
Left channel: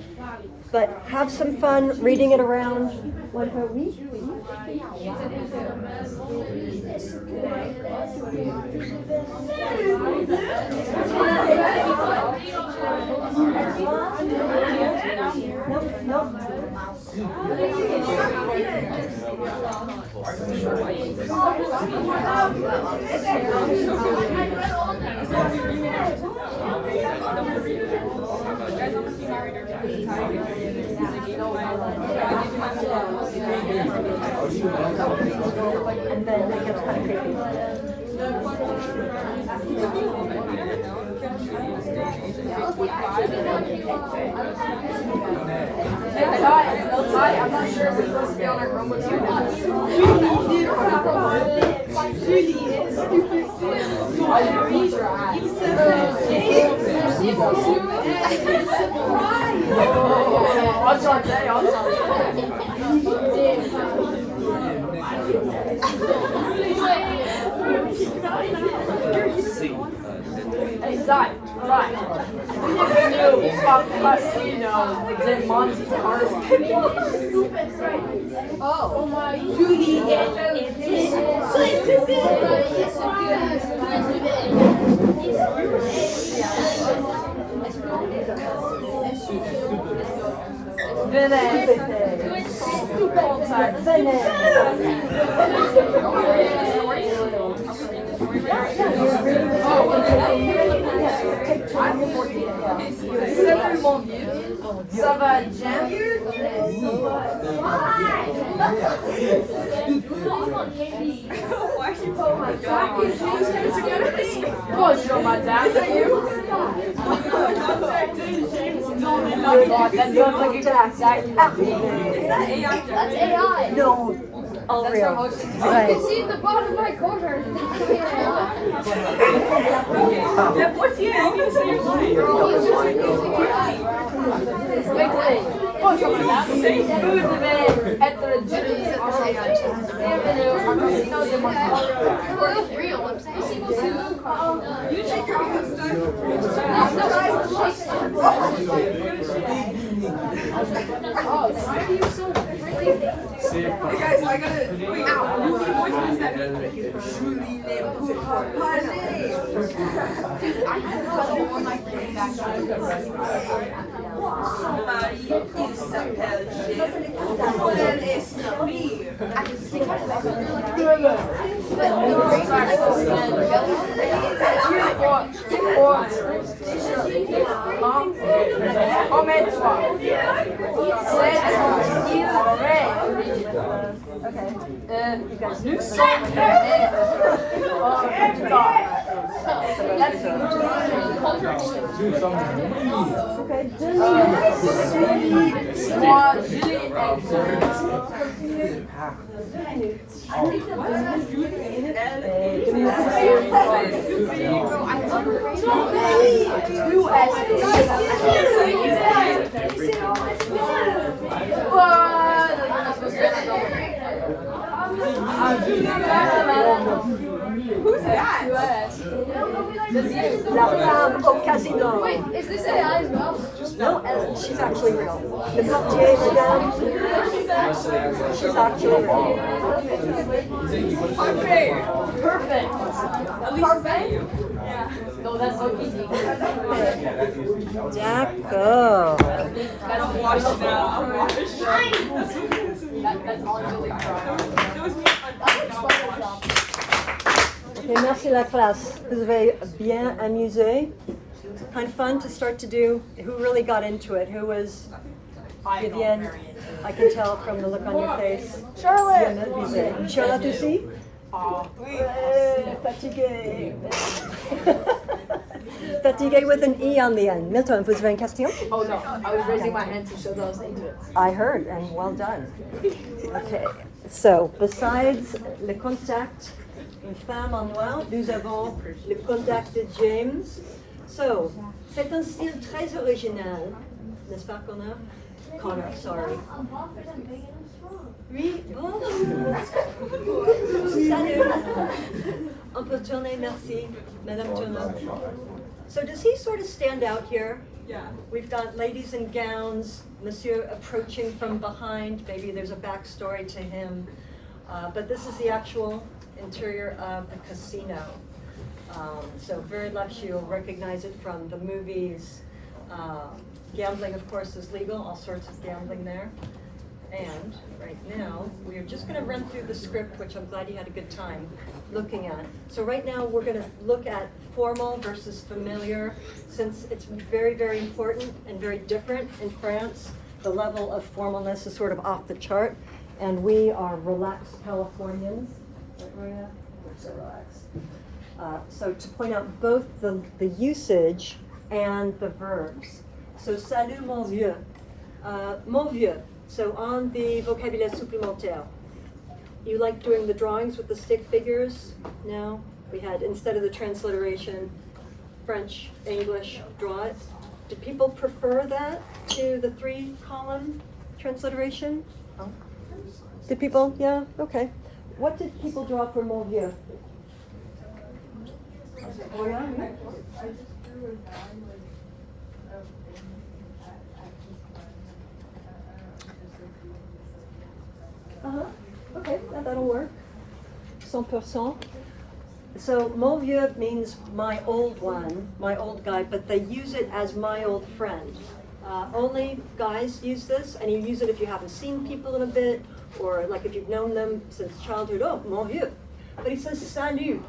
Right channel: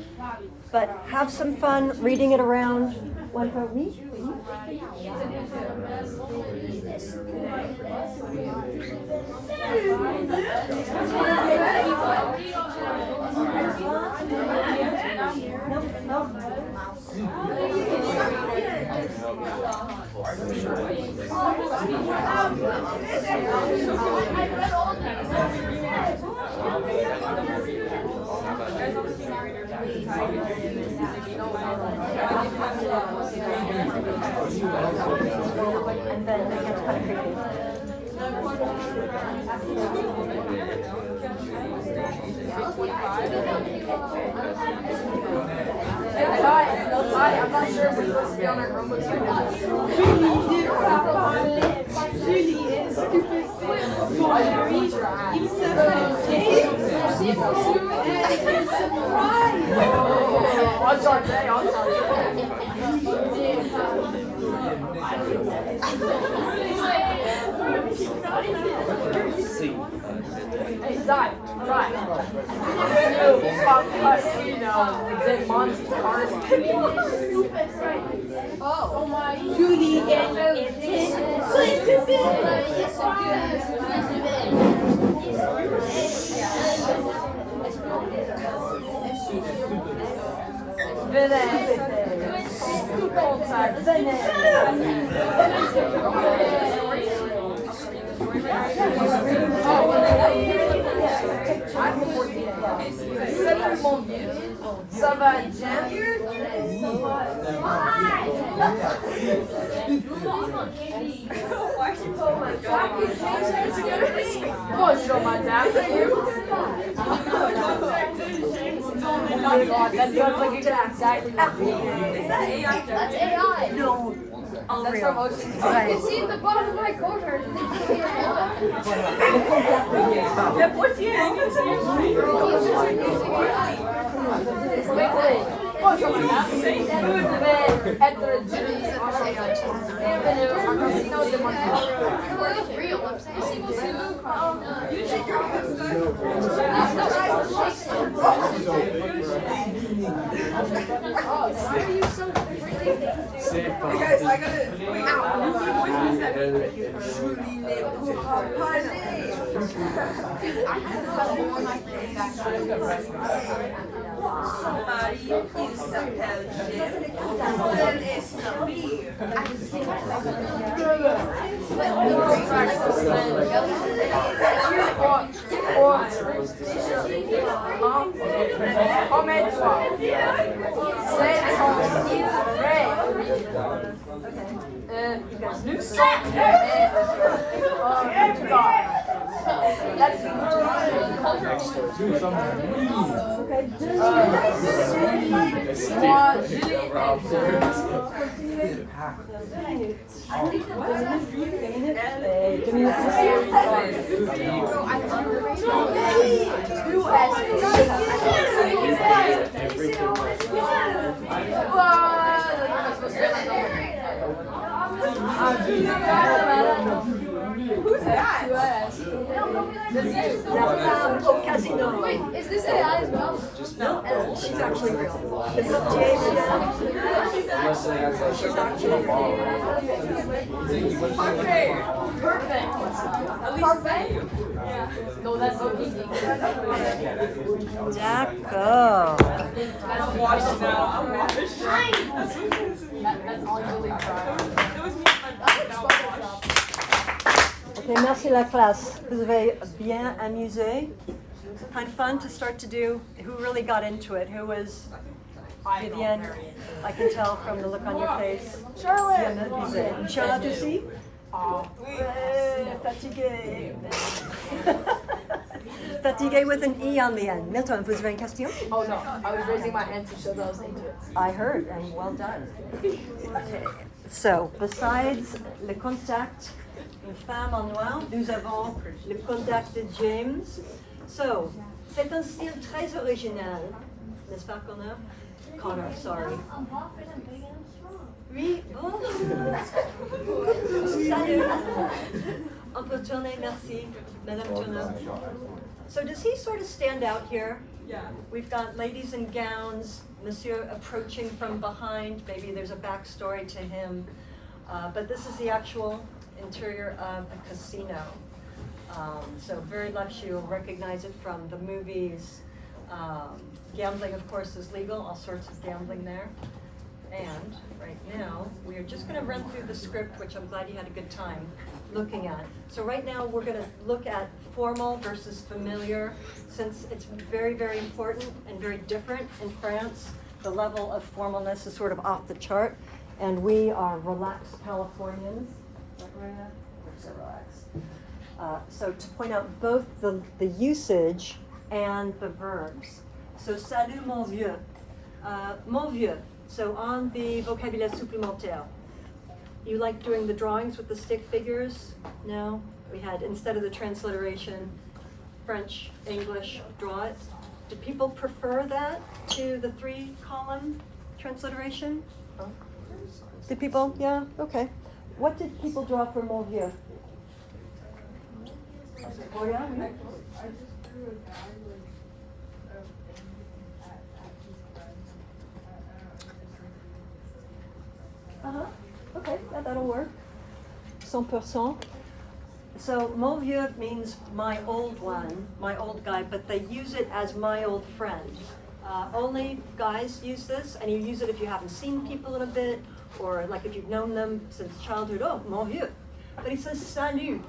But have some fun reading it around. One per week. And then I'm not sure if it's supposed to be on our Oh my Julie, That's AI. No, all real. Right. See the bottom right corner. Guys, I gotta wait Who's that? La femme au casino. Wait, is this AI as well? No, she's actually real. The Portier, madame, she's actually real. Okay. Perfect. No, that's so easy. D'accord. Okay, merci la classe. Vous avez bien amusé. Kind of fun to start to do. Who really got into it? Who was Vivienne? I can tell from the look on your face. Charlotte. Bien amusé. Charlotte aussi? Fatigué. Fatigué with an E on the end. Milton, vous avez une question? Oh no, I was raising my hand to show that I was into it. I heard, and well done. Okay. So, besides le contact, une femme en noir, nous avons le contact de James. So, c'est un style très original, n'est-ce pas, Connor? Connor, sorry. Oui, bon. Salut. On peut tourner, merci, Madame Turner. So does he sort of stand out here? Yeah. We've got ladies in gowns, Monsieur approaching from behind. Maybe there's a backstory to him. But this is the actual interior of the casino. So very lush, you'll recognize it from the movies. Gambling, of course, is legal, all sorts of gambling there. And right now, we're just going to run through the script, which I'm glad you had a good time looking at. So right now, we're going to look at formal versus familiar, since it's very, very important and very different in France. The level of formalness is sort of off the chart, and we are relaxed Californians. Right, Maria? We're so relaxed. So to point out both the usage and the verbs. So, salut mon vieux. Mon vieux. So on the vocabulaire supplémentaire, you like doing the drawings with the stick figures? No? We had, instead of the transliteration, French, English, draw it. Do people prefer that to the 3-column transliteration? Did people? Yeah? Okay. What did people draw for mon vieux? Oh yeah? I just drew a guy with Okay, yeah, that'll work. 100%. So, mon vieux means my old one, my old guy, but they use it as my old friend. Only guys use this, and you use it if you haven't seen people in a bit, or like if you've known them since childhood, oh, mon vieux. But he says salut,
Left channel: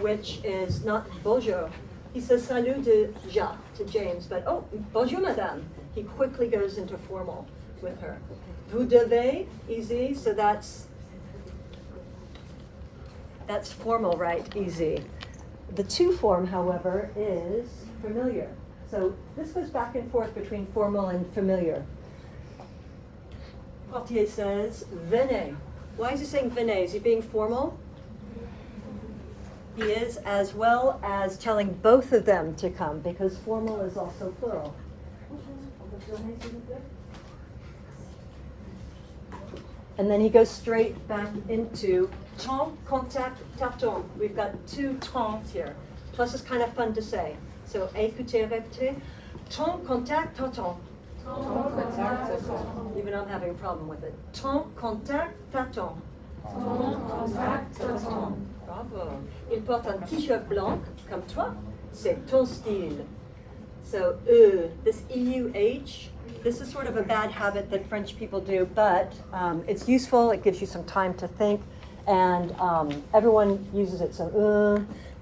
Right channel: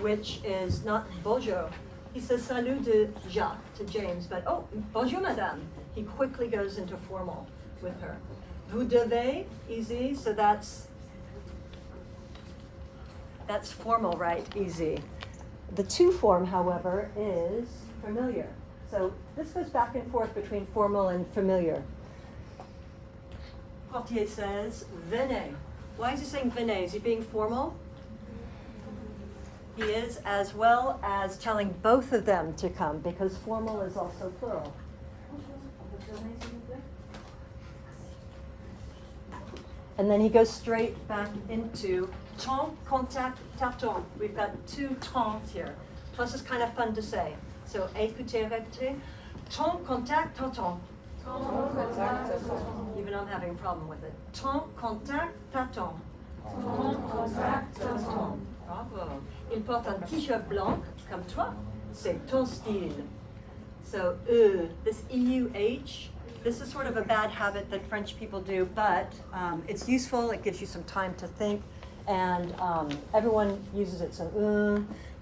which is not bonjour. He says salut to Jacques, to James, but oh, bonjour madame. He quickly goes into formal with her. Vous devez, easy, so that's formal, right? Easy. The to form, however, is familiar. So this goes back and forth between formal and familiar. Portier says, venez. Why is he saying venez? Is he being formal? He is, as well as telling both of them to come, because formal is also plural. And then he goes straight back into temps, contact, t'attends. We've got two temps here. Plus it's kind of fun to say. So écoutez, répétez. Temps, contact, t'attends. Even I'm having a problem with it. Temps, contact, t'attends. Bravo. Il porte un t-shirt blanc, comme toi. C'est ton style. So, this EUH, this is sort of a bad habit that French people do, but it's useful. It gives you some time to think, and everyone uses it. So,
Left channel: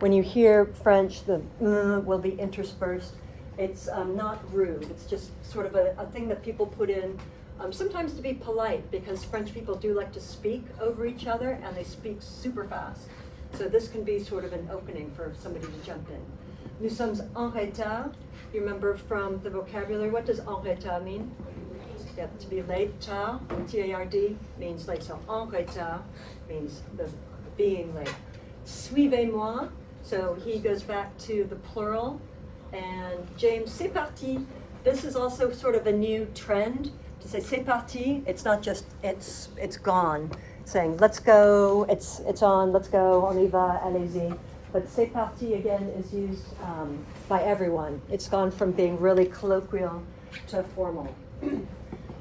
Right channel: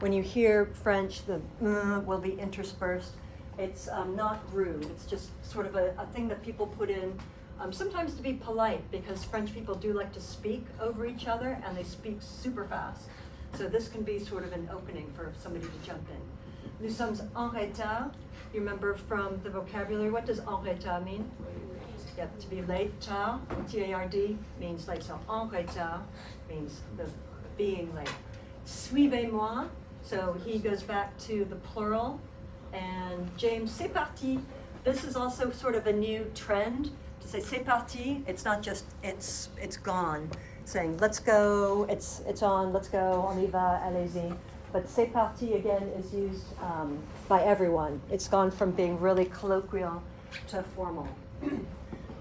when you hear French, the will be interspersed. It's not rude. It's just sort of a thing that people put in, sometimes to be polite, because French people do like to speak over each other, and they speak super fast. So this can be sort of an opening for somebody to jump in. Nous sommes en retard. You remember from the vocabulary, what does en retard mean? Yeah, to be late. Tard, T-A-R-D, means late. So en retard means the being late. Suivez-moi. So he goes back to the plural. And James, c'est parti. This is also sort of a new trend to say c'est parti. It's not just it's gone. Saying let's go, it's on, let's go, on y va, allez-y. But c'est parti again is used by everyone. It's gone from being really colloquial to formal.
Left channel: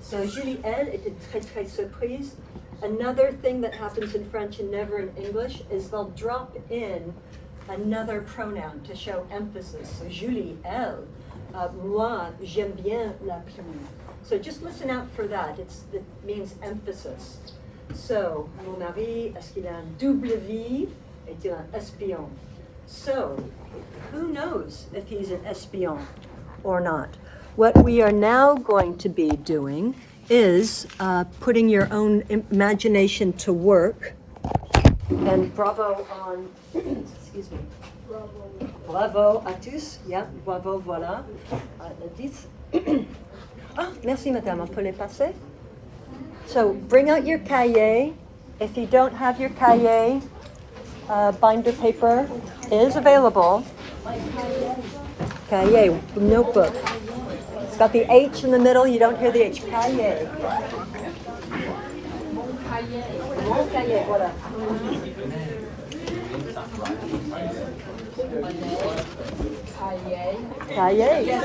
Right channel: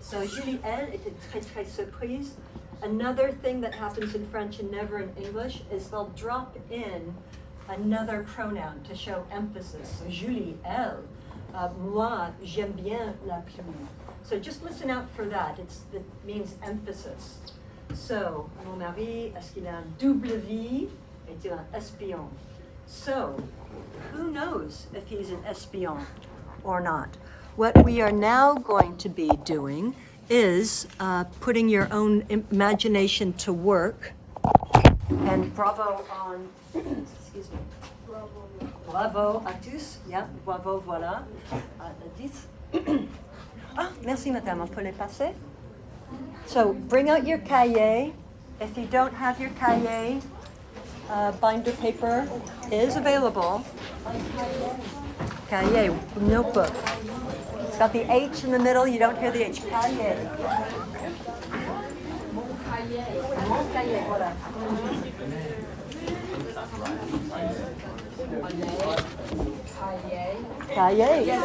So Julie, elle, était très très surprise. Another thing that happens in French and never in English is they'll drop in another pronoun to show emphasis. So Julie, elle, moi, j'aime bien la pluie. So just listen out for that. It means emphasis. So, mon mari, est-ce qu'il a un double vie? Est-il un espion? So, who knows if he's an espion or not? What we are now going to be doing is putting your own imagination to work. And bravo on, excuse me. Bravo à tous. Yeah, bravo, voilà. 10. Ah, merci madame, on peut les passer? So bring out your cahier. If you don't have your cahier, binder paper is available. Cahier, notebook. It's got the H in the middle, you don't hear the H. Cahier. Mon cahier, voilà. Cahier.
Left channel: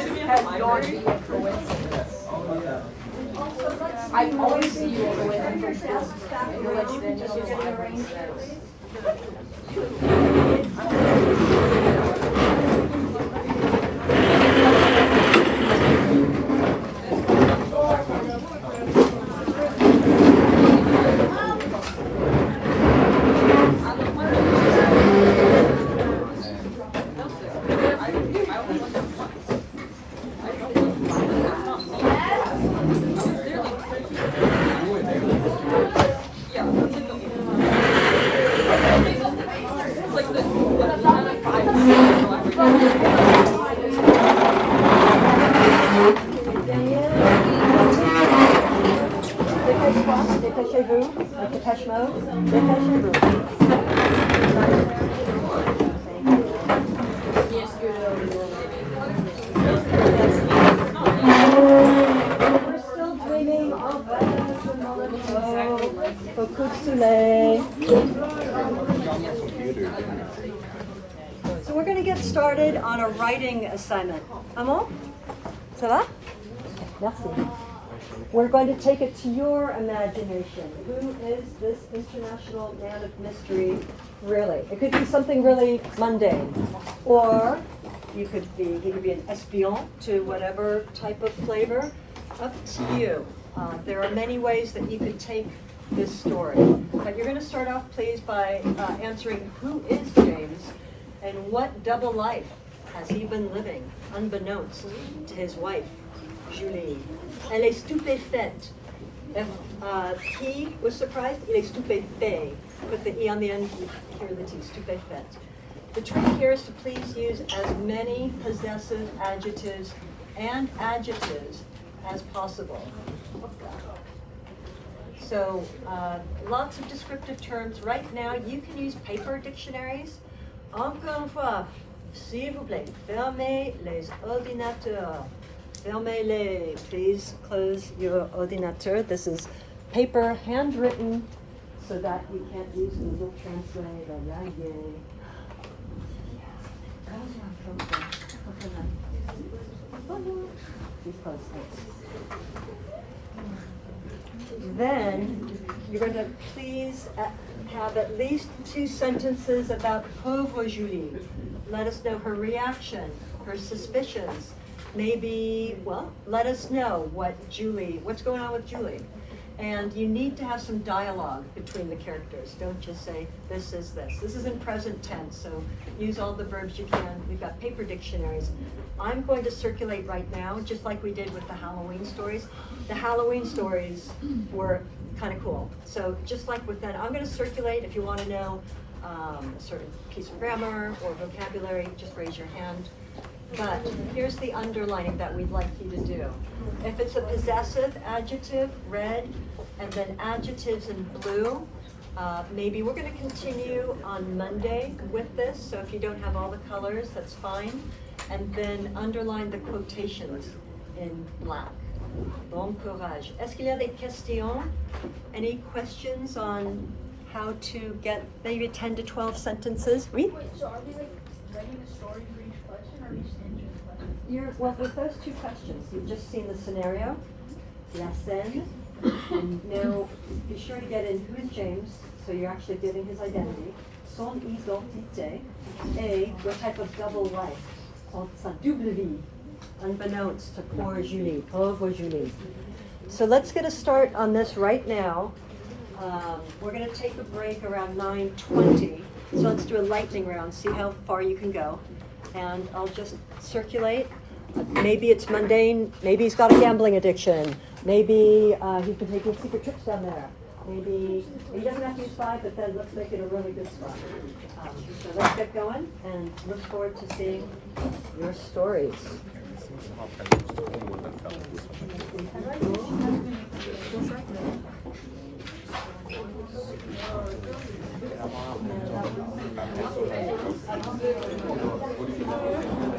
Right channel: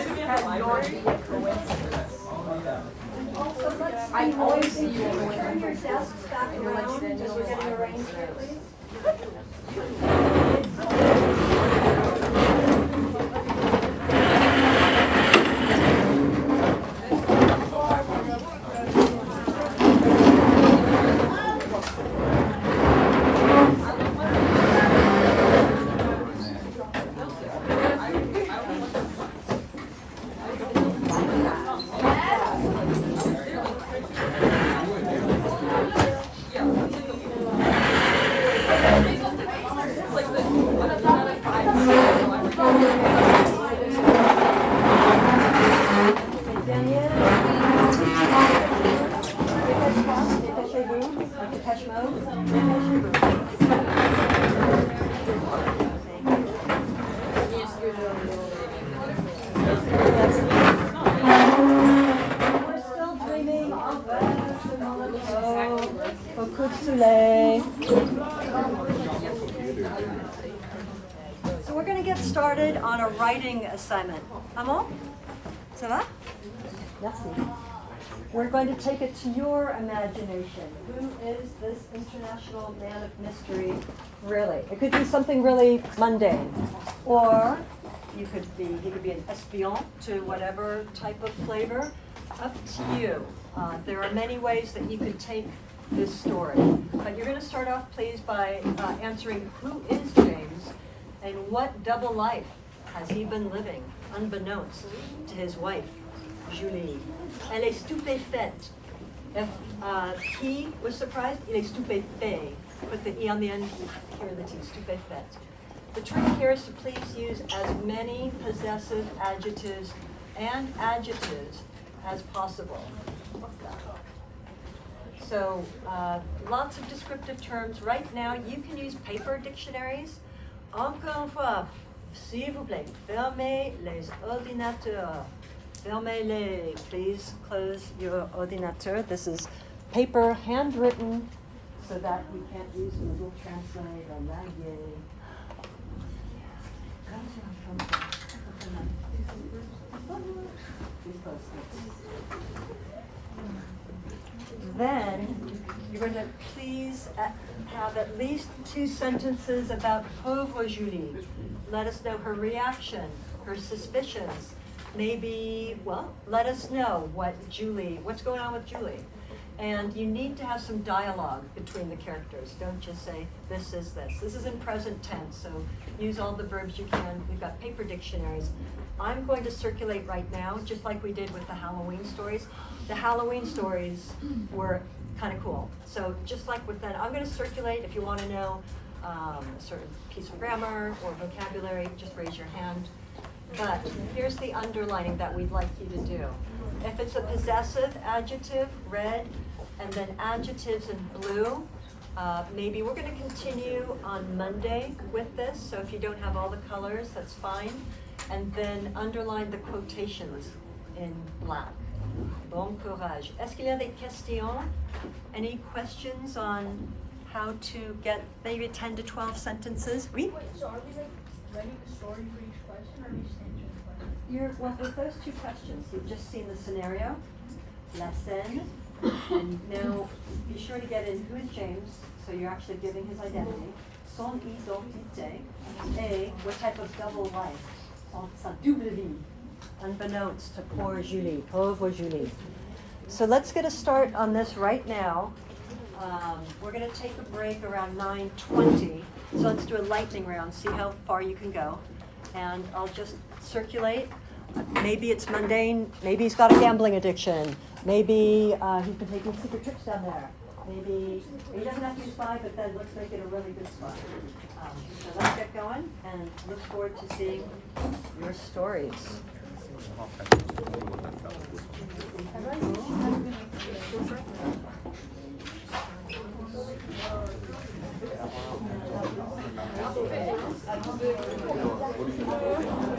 I always see you at your desk. I feel like you're just getting arranged. So we're going to get started on a writing assignment. Amon? Ça va? Merci. We're going to take it to your imagination. Who is this international man of mystery really? It could be something really mundane. Or he could be an espion to whatever type of flavor. Up to you. There are many ways that you could take this story. But you're going to start off, please, by answering who is James and what double life has he been living, unbeknownst to his wife, Julie. Elle est stupéfaite. If he was surprised, il est stupéfait. Put the E on the end, hear the T, stupéfaite. The trick here is to please use as many possessive adjectives and adjectives as possible. So lots of descriptive terms. Right now, you can use paper dictionaries. Encore une fois, s'il vous plaît, fermez les ordinateurs. Fermez-les. Please close your ordinateur. This is paper, handwritten, so that you can't use Google Translate or Yagye. Then you're going to please have at least 2 sentences about pauvre Julie. Let us know her reaction, her suspicions. Maybe, well, let us know what's going on with Julie. And you need to have some dialogue between the characters. Don't just say, this is this. This is in present tense, so use all the verbs you can. We've got paper dictionaries. I'm going to circulate right now, just like we did with the Halloween stories. The Halloween stories were kind of cool. So just like with that, I'm going to circulate. If you want to know a certain piece of grammar or vocabulary, just raise your hand. But here's the underlining that we'd like you to do. If it's a possessive adjective, red, and then adjectives in blue, maybe we're going to continue on Monday with this, so if you don't have all the colors, that's fine. And then underline the quotations in black. Bon courage. Est-ce qu'il y a des questions? Any questions on how to get maybe 10 to 12 sentences? Oui? So are we like writing a story for each question, or are we just answering the question? Well, with those 2 questions, you've just seen the scenario, la scène, and now be sure to get in who is James, so you're actually giving his identity, son identité, et what type of double life, sa double vie, unbeknownst to poor Julie, pauvre Julie. So let's get a start on this right now. We're going to take a break around 9:20, so let's do a lightning round, see how far you can go. And I'll just circulate. Maybe it's mundane, maybe he's got a gambling addiction, maybe he's been taking secret trips down there, maybe he doesn't have to use 5, but then let's make it a really good spot. So let's get going and look forward to seeing your stories.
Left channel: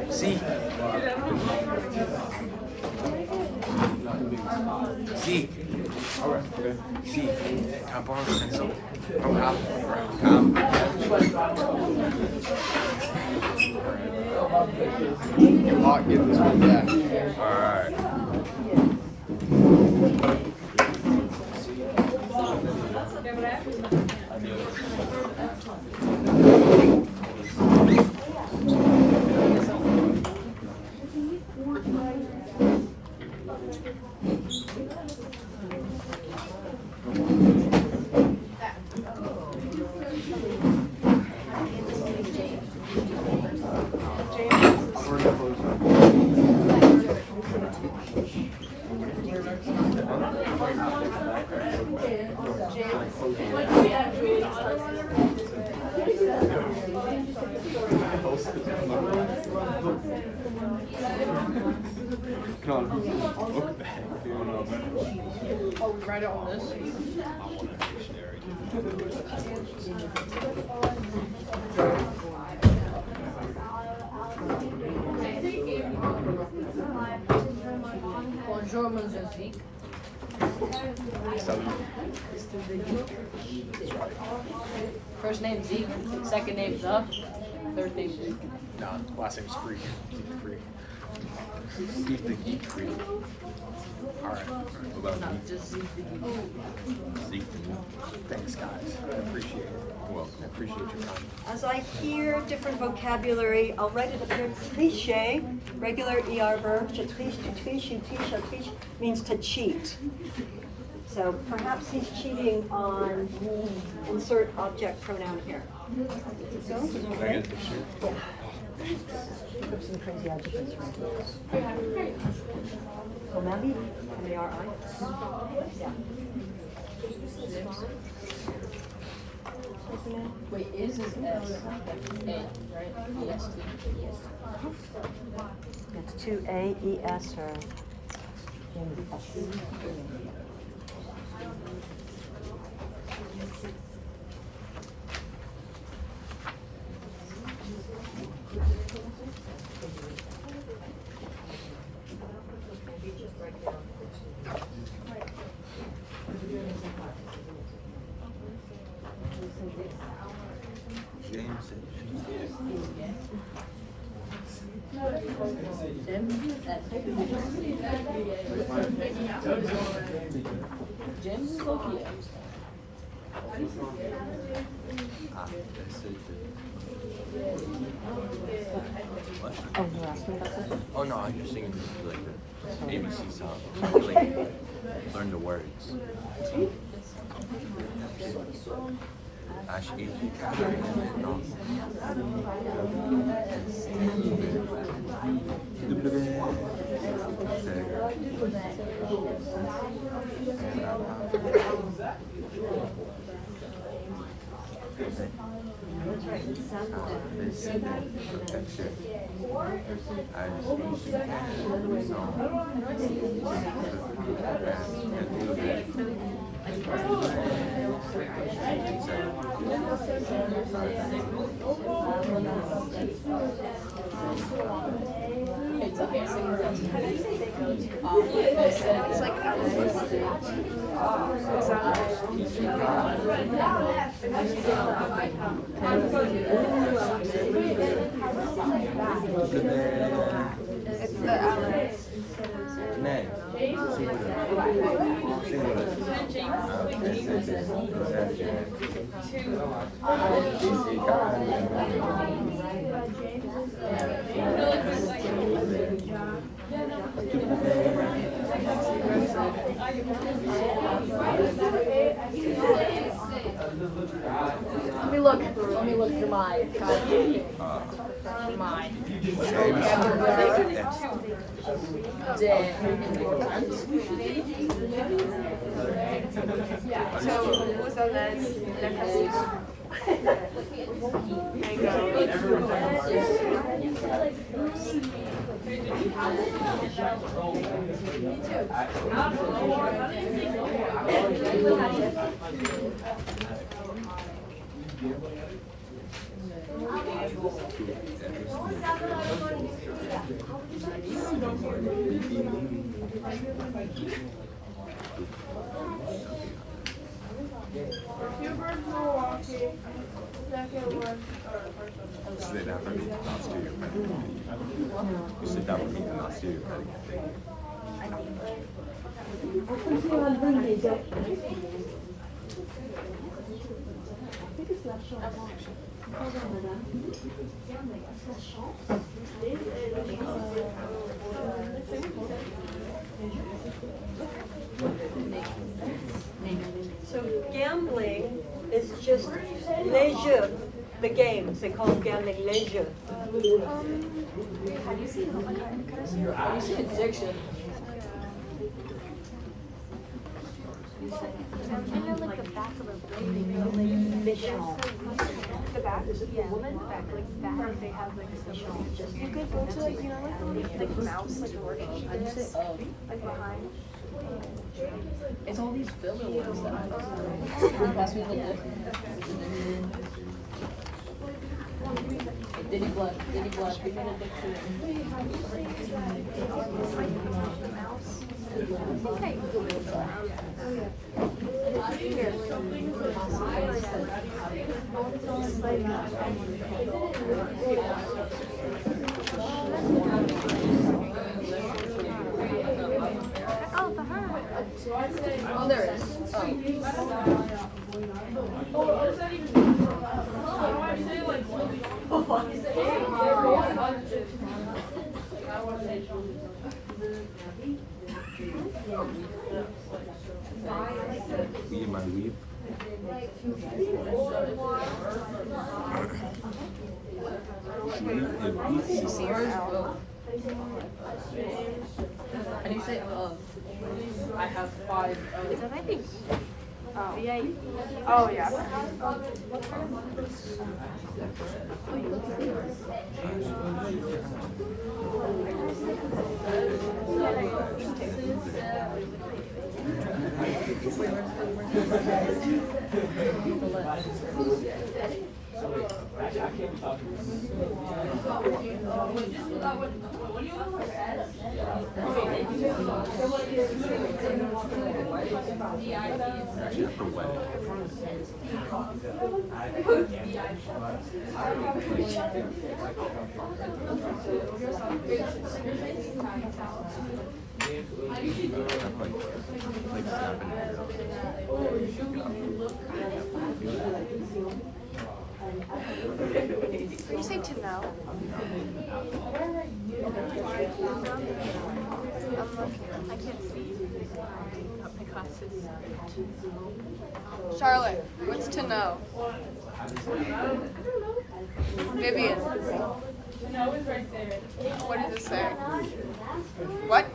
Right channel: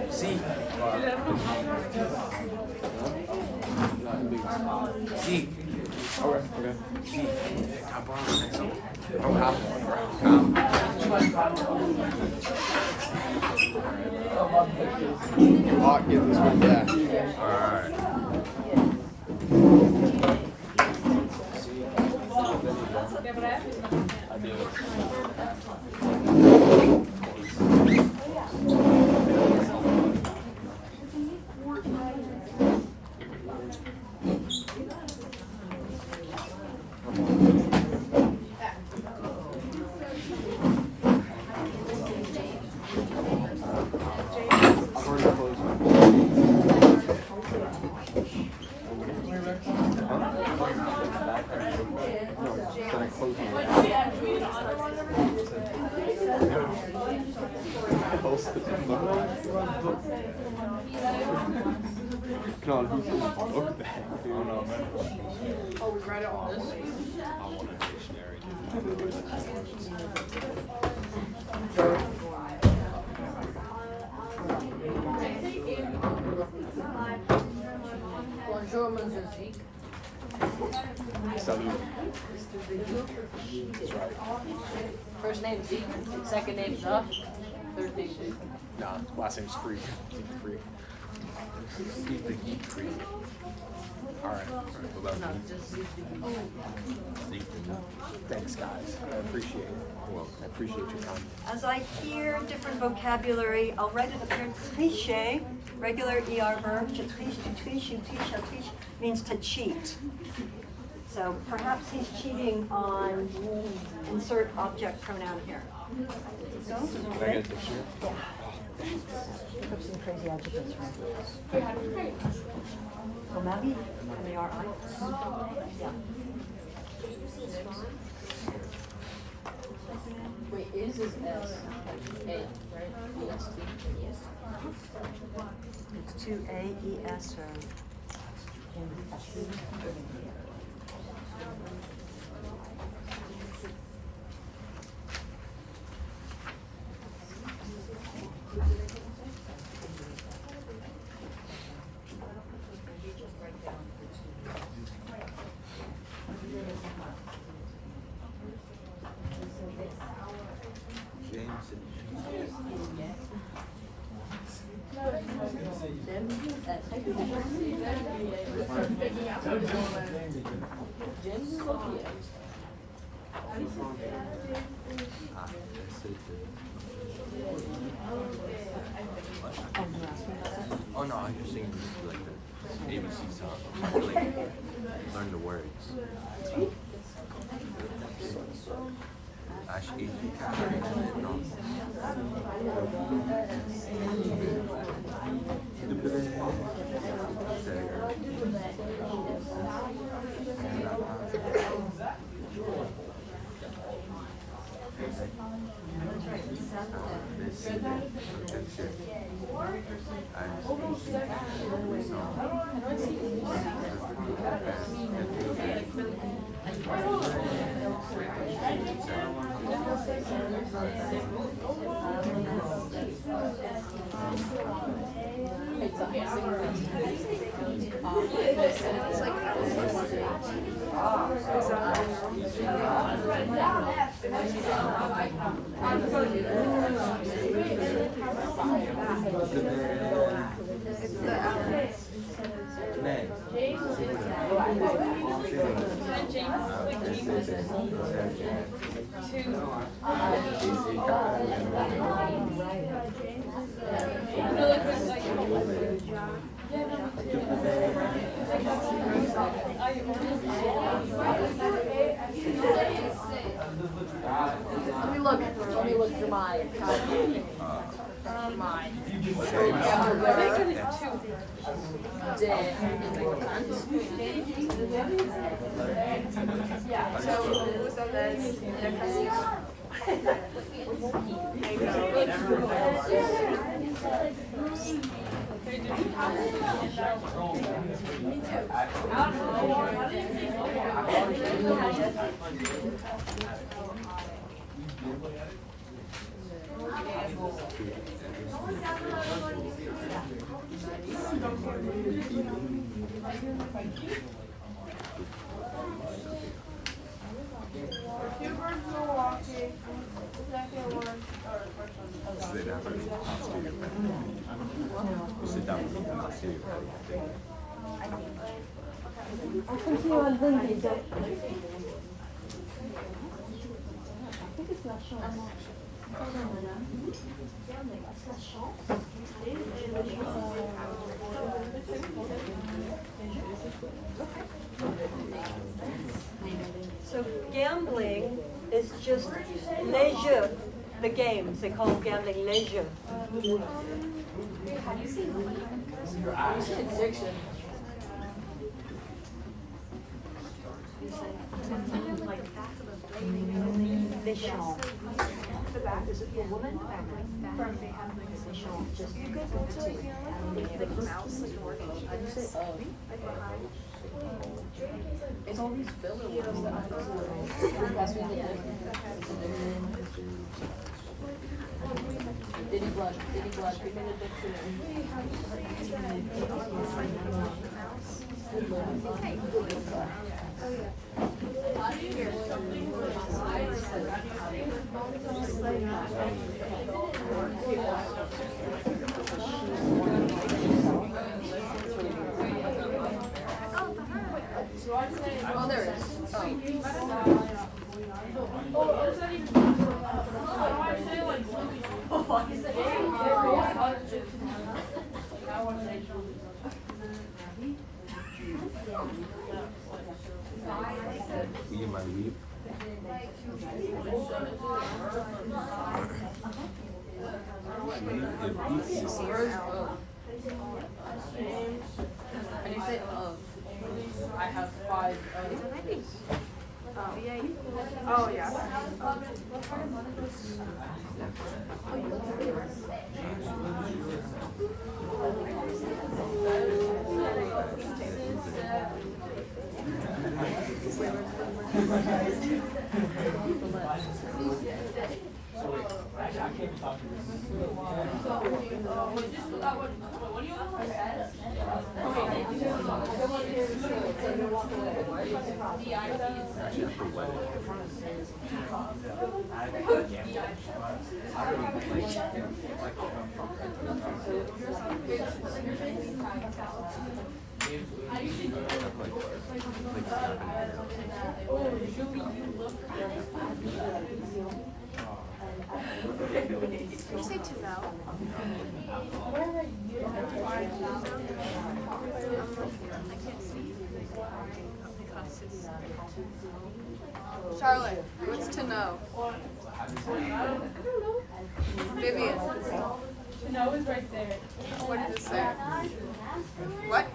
Sí. Sí. Sí. I'll give this one back. Oh, we write it on this. Bonjour, Monsieur Zeke. First name Zeke, second name Zuck, third name Zeke. No, last name's Freak. Zeke Freak. He's the geek freak. Alright. Zeke. Thanks, guys. I appreciate it. I appreciate your help. As I hear different vocabulary, I'll write it up here. Tricher, regular ER verb. Je triche, tu triches, you triche, je triche, means to cheat. So perhaps he's cheating on insert object pronoun here. So, Can I get a picture? look up some crazy adjectives right here. So Mavi, M-A-R-I. Yeah. Wait, is S A, right? Yes. It's 2AES or. Oh no, I'm just thinking like ABC song. Like, learn the words. Let me look for mine. So gambling is just leisure, the games, they call gambling leisure. Addiction. The back is it the woman? The back they have like special. You could go to like, you know, like mouse like working. Like behind. It's all these filler ones that I pass me the Diddy Blood, treatment Oh, there it is. Me and my weed. And you say, I have 5. Oh yeah. Did you say to know? Charlotte, what's to know? Vivian. No, it's right there. What does it say? What?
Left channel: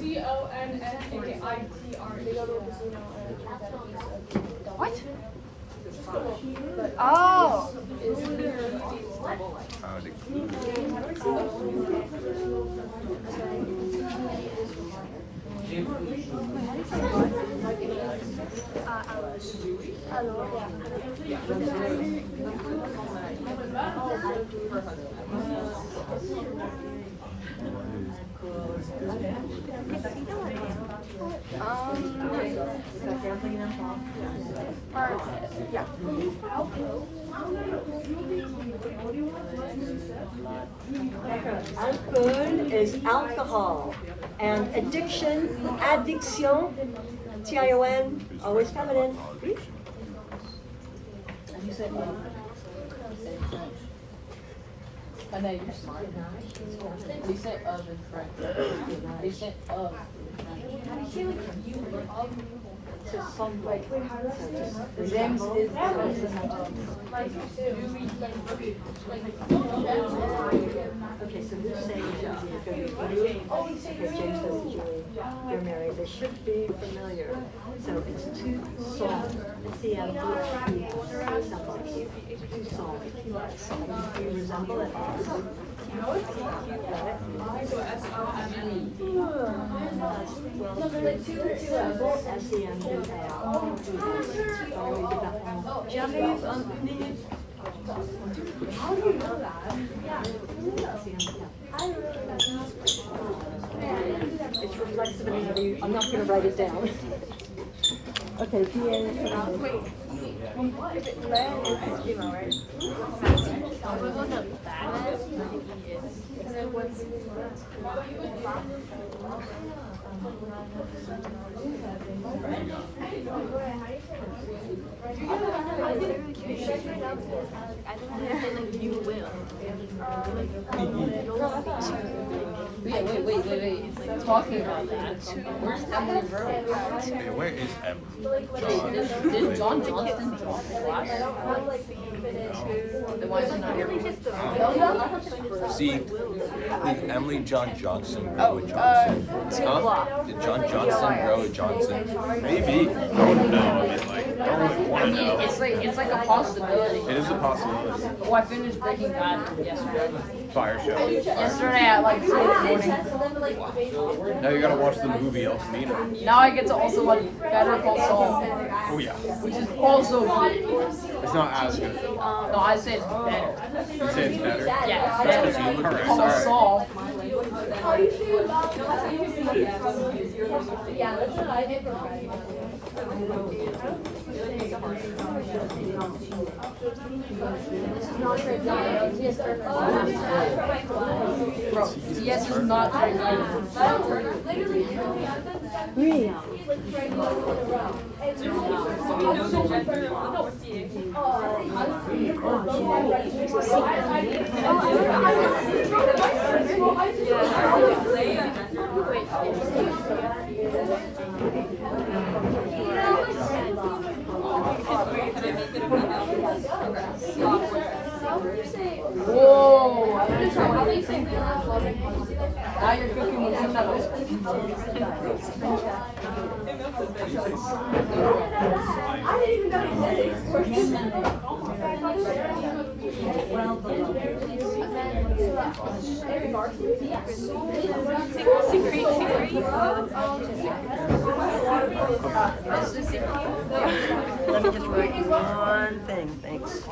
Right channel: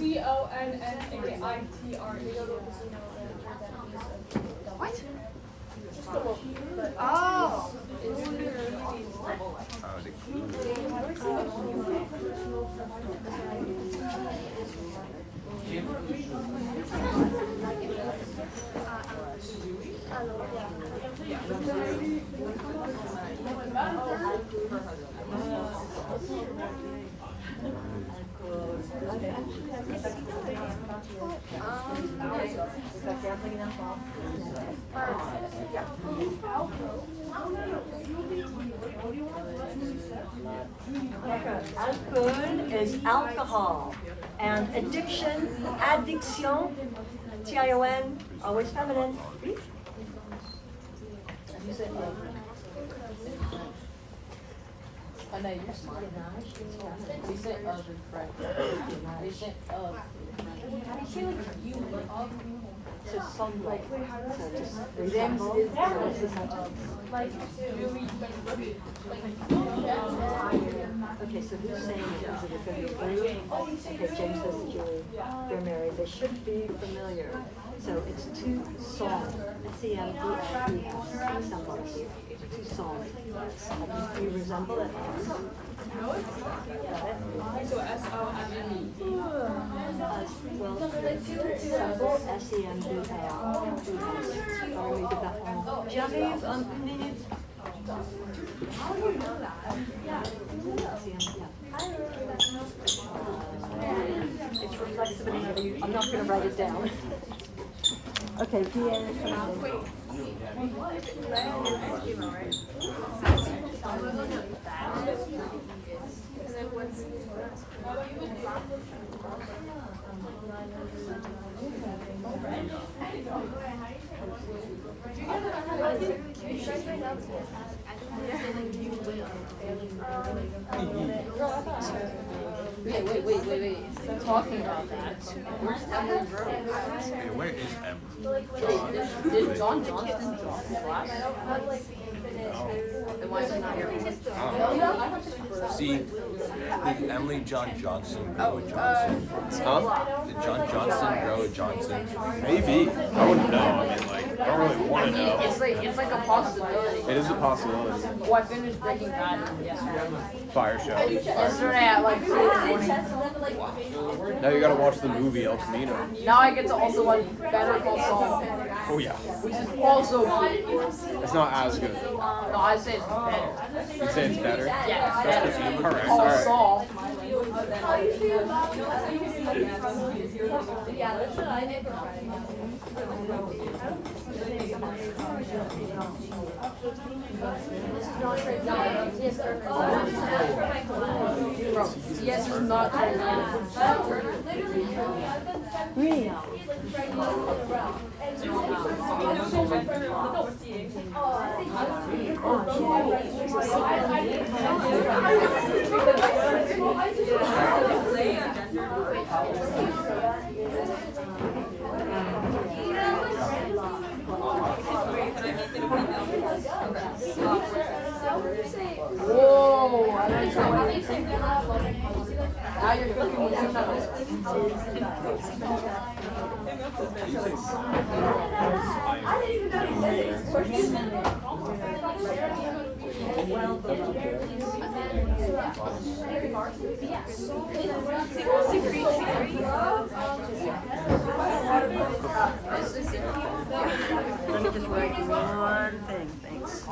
CONFITRE. What? Oh. Alcohol is alcohol, and addiction, Tion, always feminine. Okay, so this saying okay, James says Julie, they're married, they should be familiar. So it's two songs. Two songs. Do you resemble it? How do you know that? It's reflexive in every, I'm not going to write it down. Okay, Wait. Talking about that. Where's Emily Burrow? Where is Did John Johnson talk See, Emily John Johnson, Roe Johnson. Did John Johnson, Roe Johnson? Maybe. It's like a possibility. It is a possibility. Oh, I finished Breaking Bad yesterday. Fire show. Yesterday at like 2 in the morning. Now you gotta watch the movie El Camino. Now I get to also like Better Call Saul, Oh yeah. which is also good. It's not as good. No, I say it's better. You say it's better? Yeah, Better Call Saul. Yes, it's not. Whoa! Now you're cooking with some Let me just wait one thing, thanks.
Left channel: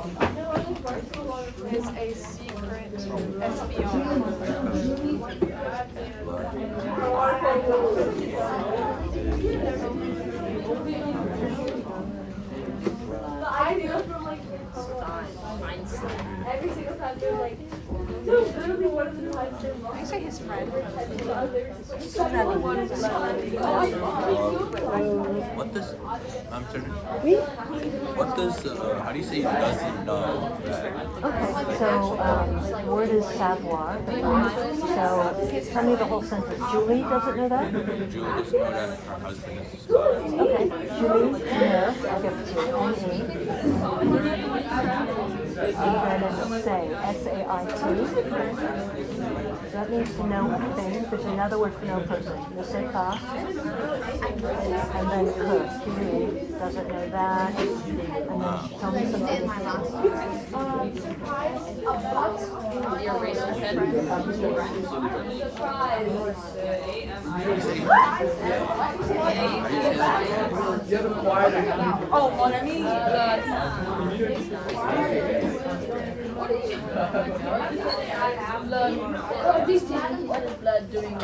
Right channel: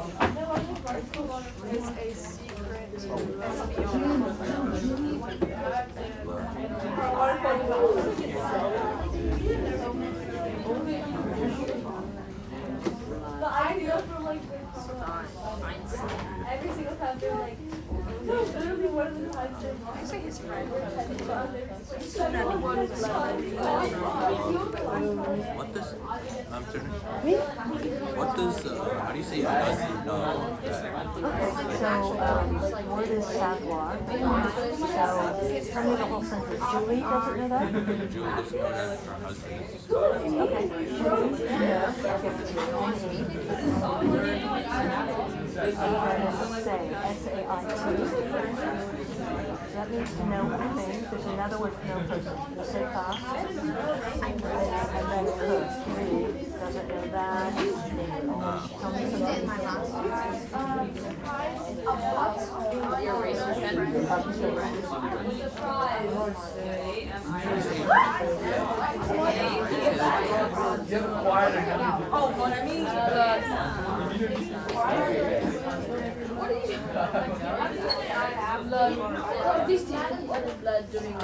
Every single time they're like, literally one of the times they're like, his friend What does, how do you say buzzy? So, the word is savoir. So, tell me the whole sentence. Julie doesn't know that? Okay, Julie, no, I'll give it to you. Say, S-A-I-T. That means no thing. There's another word for no person. You say class. And then wait, Julie doesn't know that. And then tell me something. oh, mon ami, These two blood during I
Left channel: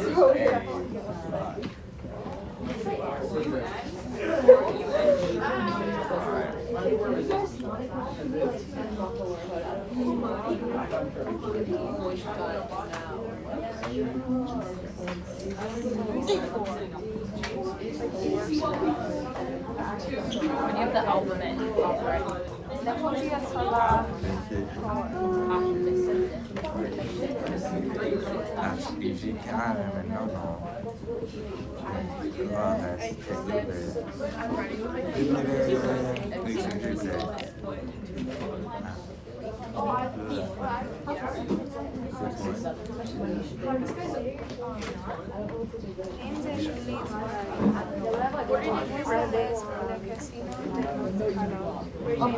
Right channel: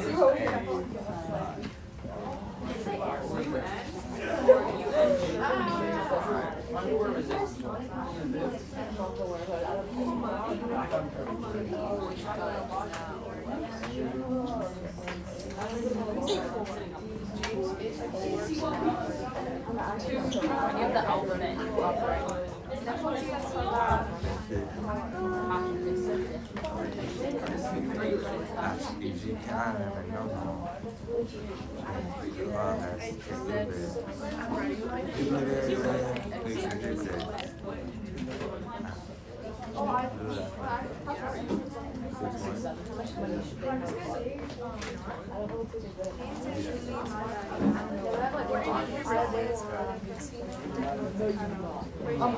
don't know that. When you have the alphabet, right? That's easy. I don't even know.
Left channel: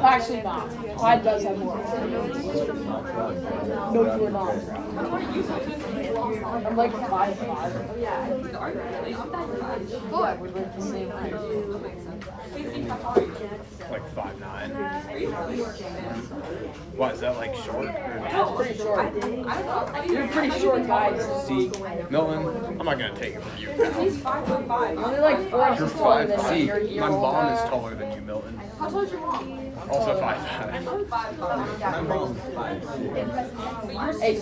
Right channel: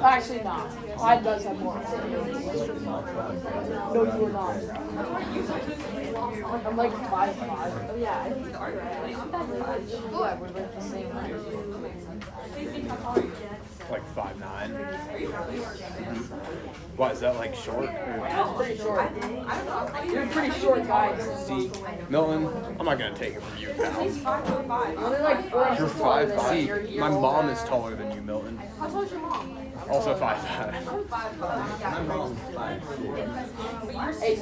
Actually not. Why does have more? No, you are not. I'm like Like 5'9". What is that, like short? pretty short. You're pretty short guys. See, Milton, I'm not gonna take it from you. Only like 4 You're inches taller 5. than See, you. my mom is taller than you, Milton. Also 5'5". Hey,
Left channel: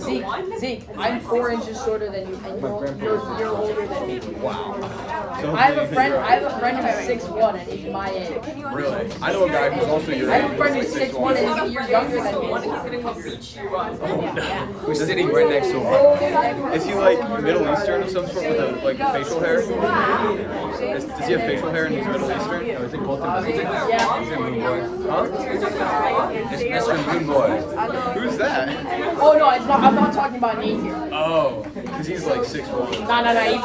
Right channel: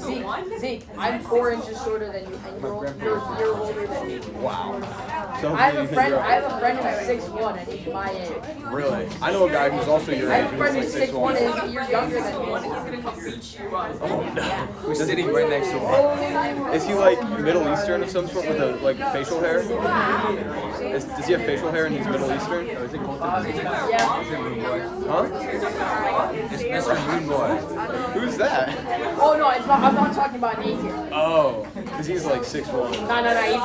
Zeke, I'm 4 inches shorter than you, and you're older than me. Wow. I have a friend who's 6'1" and he's my age. Really? I know a guy who's also your I have a friend age. who's Who's 6'1" and you're younger than me. Who's sitting right next to him? Is he like Middle Eastern of some sort with like facial hair? Does he have facial hair and he's Middle Eastern? Yeah. Huh? Who's that? Oh no, I'm not talking about Nate here. Oh, because he's like 6'1". No, he's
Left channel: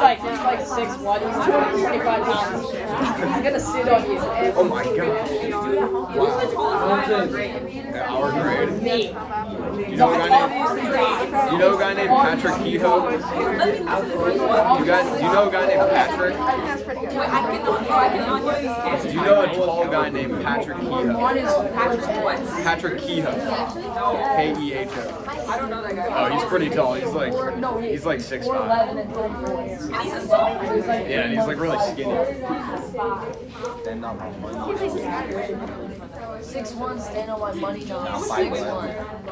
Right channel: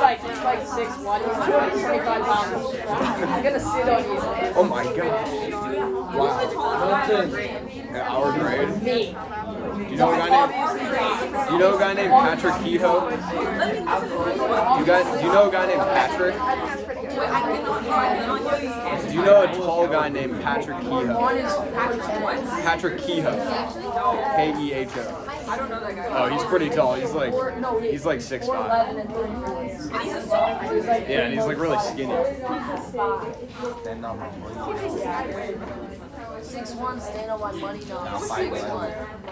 like 6'1". He's gonna sit on you. Oh my god. In our grade. Me. You know a guy named Patrick Kehoe? Do you know a guy named Patrick? Do you know a tall guy named Patrick Kehoe? Patrick Kehoe. K-E-H-O. Oh, he's pretty tall. He's like 6'5". Yeah, and he's like really skinny. 6'1", stand on my money, no. 6'1".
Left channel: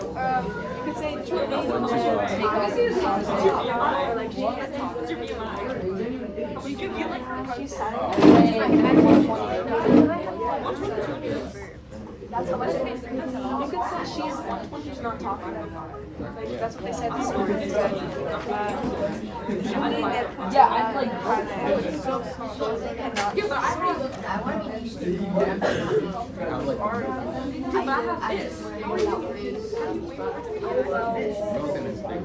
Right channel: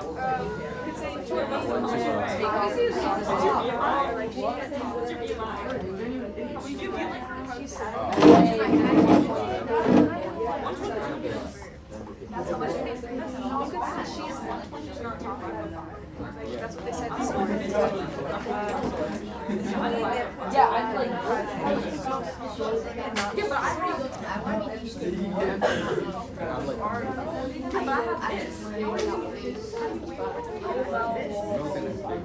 that's how much it makes. You could say she's not talking. Like, that's what they said. Yeah, I'm like. I want to be My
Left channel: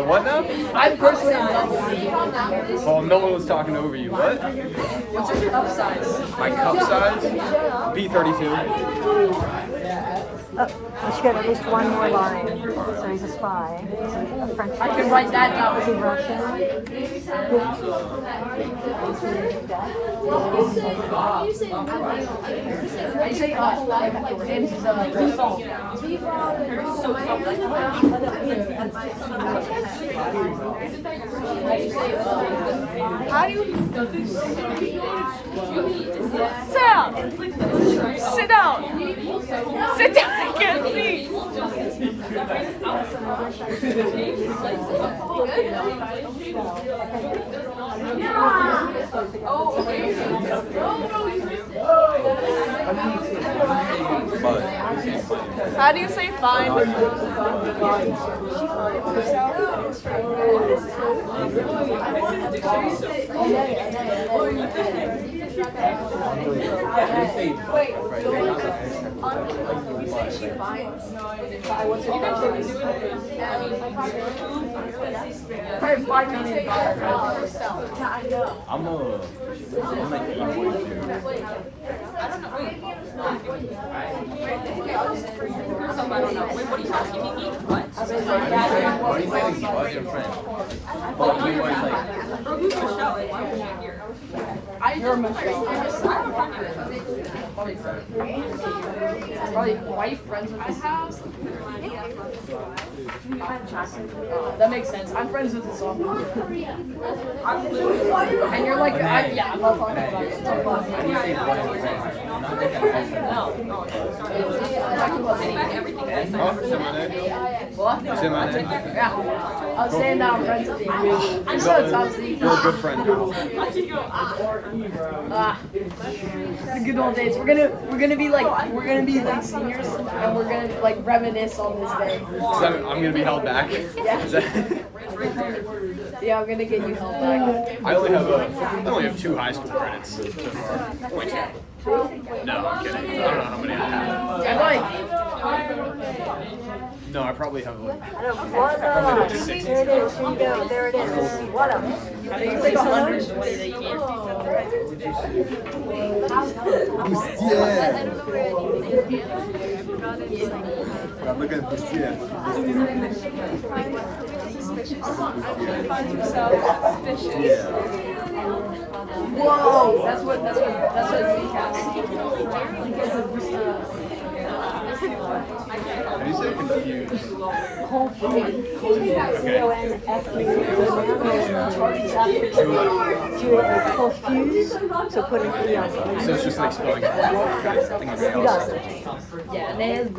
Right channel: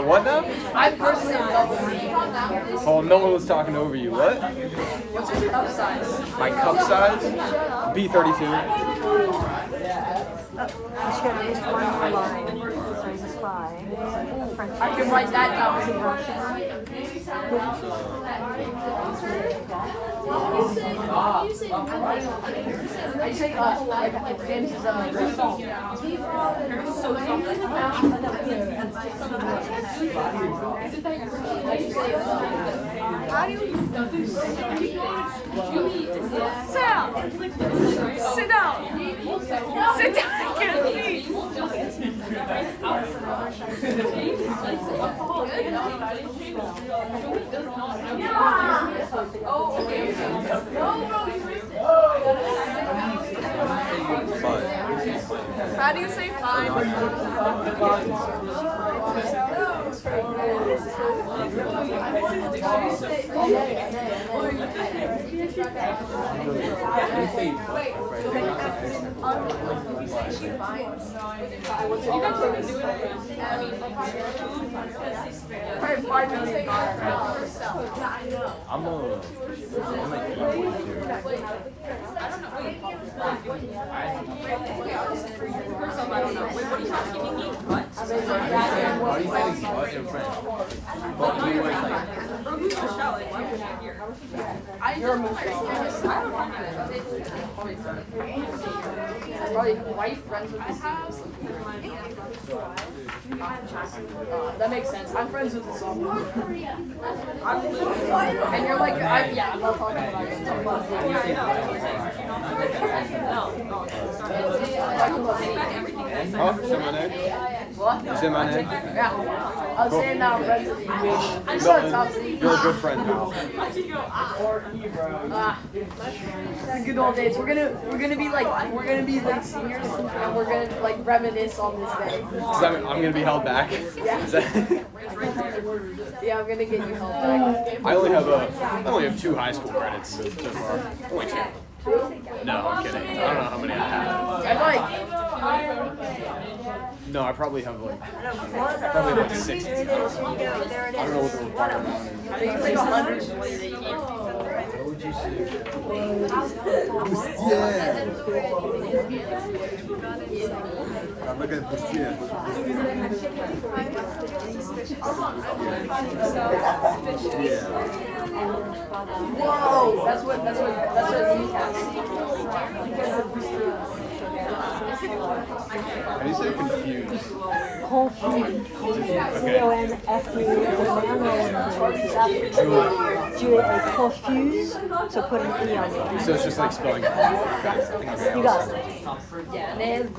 what now? I personally love C. Oh, no one was talking over you. What? My cup size? B32. Oh, I should have at least one more line. So this is 5. I can write that down. I say James is Sit down. Sit down. I can't see. How do you say fine? probably wife friends with his house. That makes sense. I'm friends with his and you're like, You say my name? Yeah. I'll stand down, friends with you. I'm so exhausted. You're a good friend. The good old days. We're gonna be like seniors, and we're gonna like reminisce on this day. So I'm gonna be held back. Yeah. Is that- Yeah, I'm gonna get you held back. I only have 2 high school credits. No, I'm kidding. I don't know how many I have. I like. No, I probably have like. I don't know what the line. There it is. Here you go. There it is. One of them. I think it's like 100. Look at this here. Whoa, that's what we have. How do you say confused? Confused. So put an E on it. So it's just like spelling it. You got it. Yeah, man.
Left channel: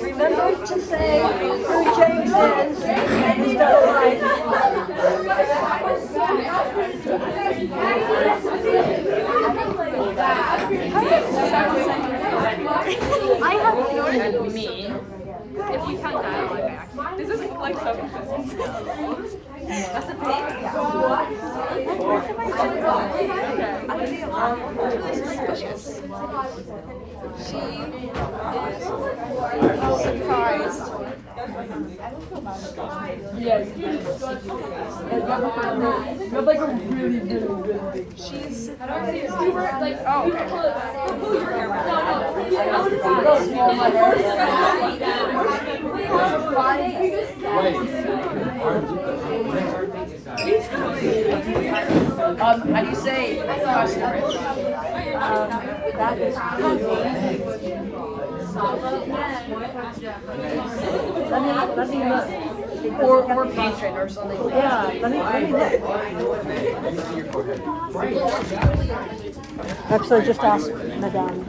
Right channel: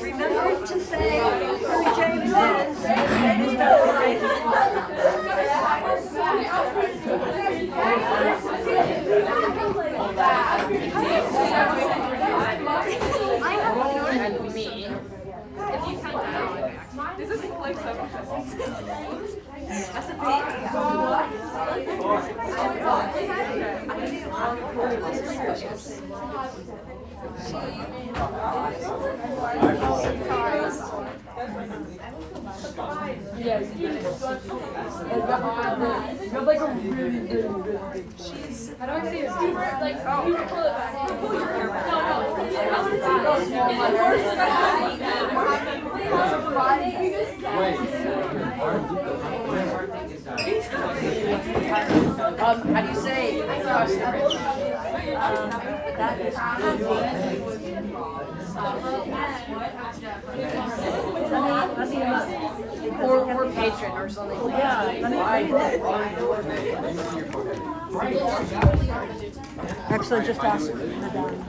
Remember to say who James is and his double life. And me. This is like so Yes. But like a really good. She's. I don't see it. Like how do you say That is Let me look. Or patron or something. Yeah, let me look. Actually, just ask Madame.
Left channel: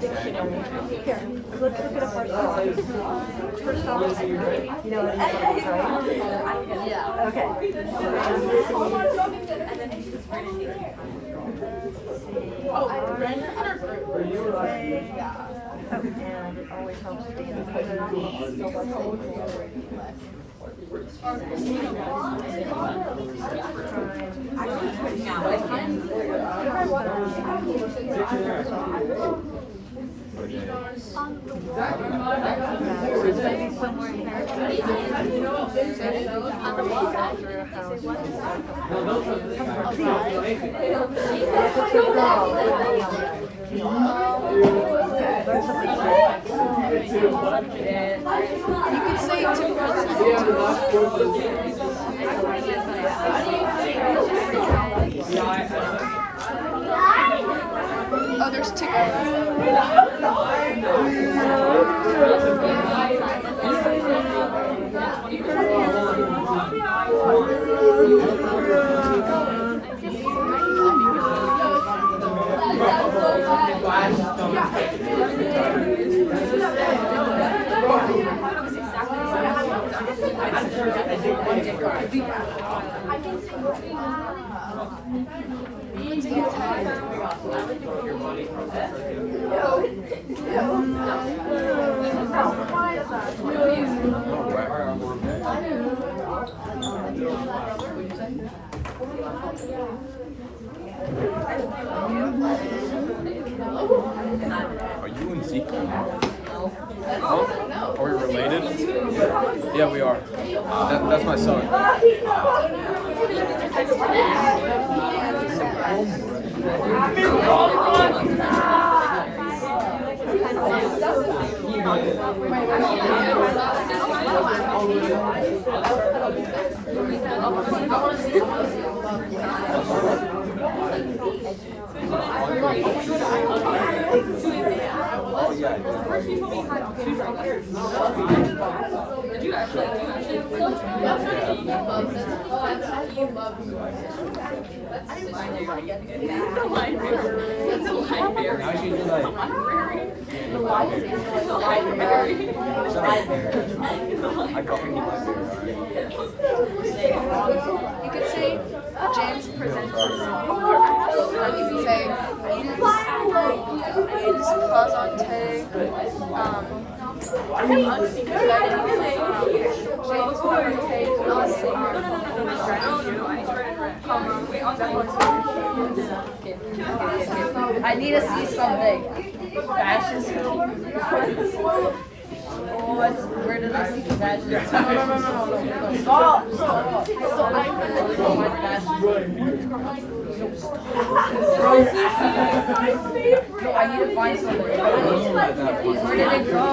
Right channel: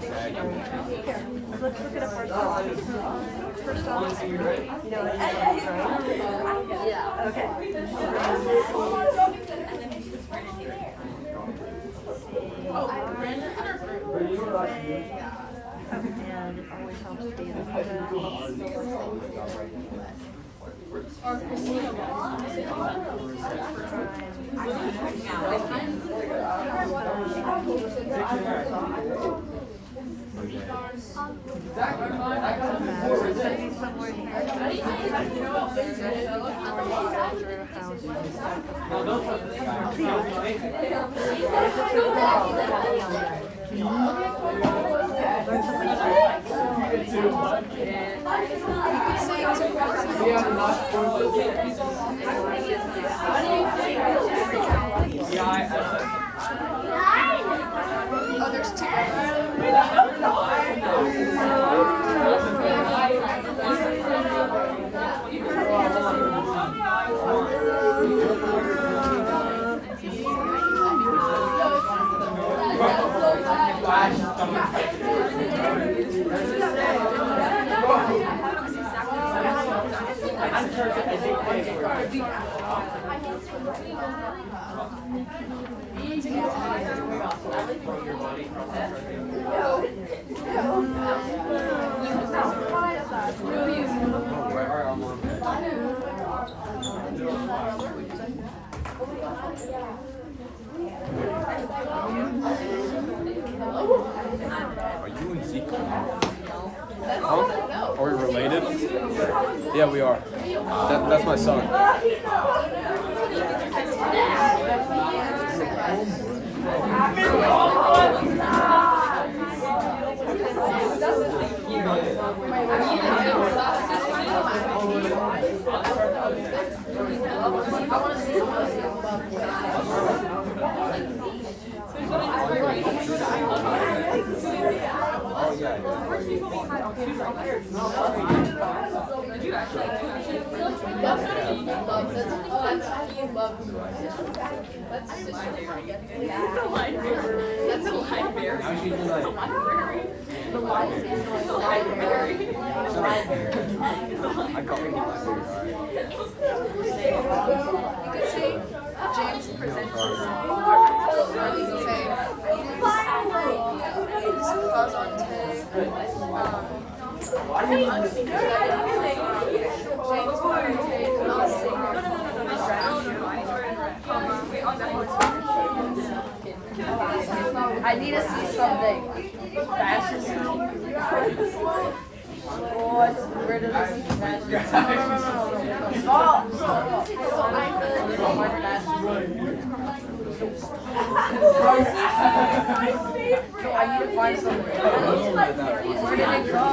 Dictionary. Here, let's look it up ourselves. First off, you know what it is, right? Yeah. Okay. And it always helps to be in Oh, there's two. Are you and Zeke? Are we related? Yeah, we are. That's my son. You could say James presents you could say James Plazante, I need to see something. Fashion. Where did I see the fashion? I need to find something. Where did it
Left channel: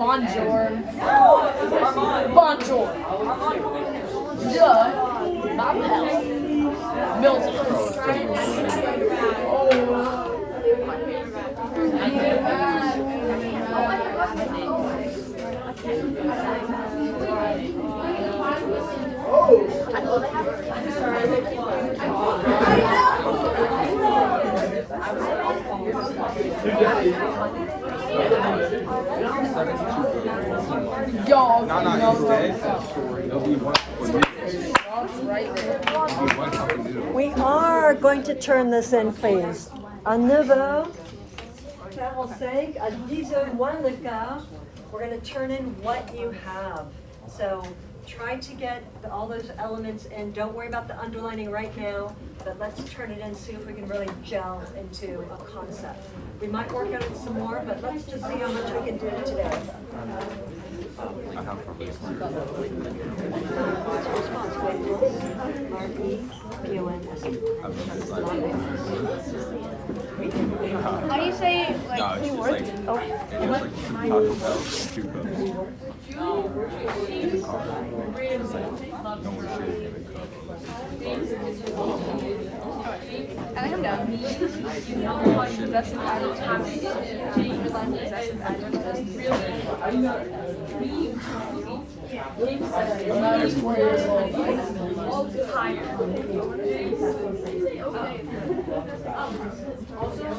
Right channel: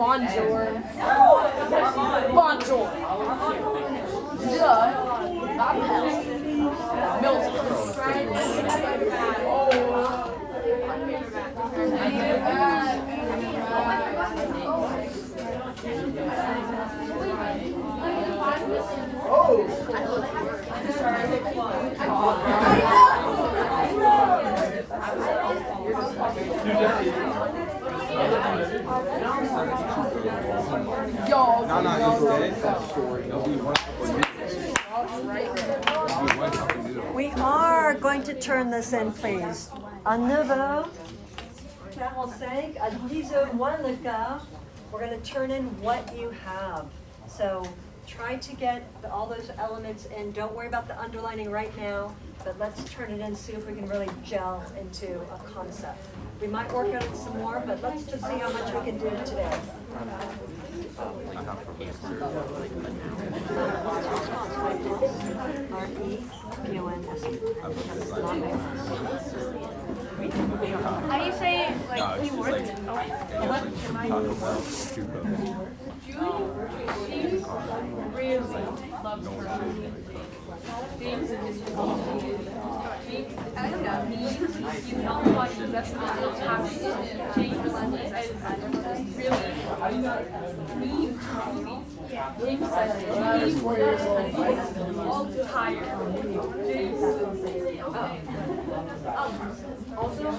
Bonjour. Bonjour. We are going to turn this in, please. À 9h45, à 10h moins le quart, we're going to turn in what you have. So try to get all those elements in. Don't worry about the underlining right now, but let's turn it in, see if we can really gel into a concept. We might work on it some more, but let's just see how much we can do today. How do you say like he worked? Oh.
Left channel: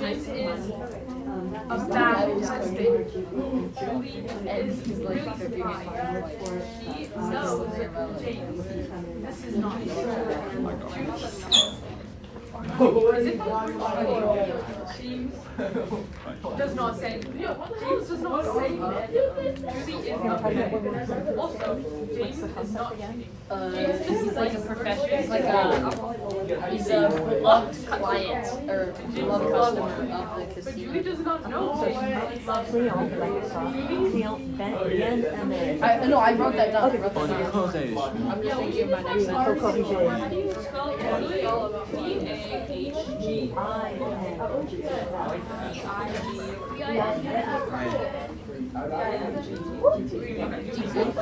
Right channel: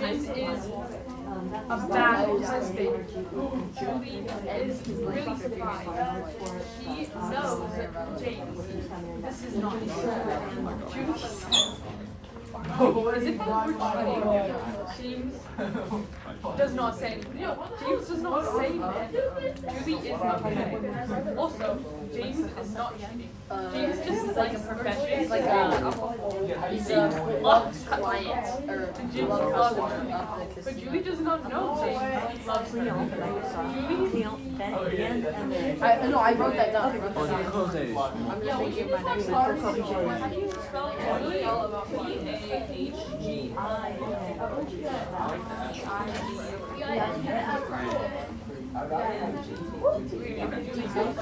This is a bad mistake. Julie is really forgetting. She knows James. This is not James does not say. James does not say that. Julie is not cheating. Also, James is not cheating. James is like a professional. He's like a love client or love customer. But Julie does not know James. No, I wrote that down.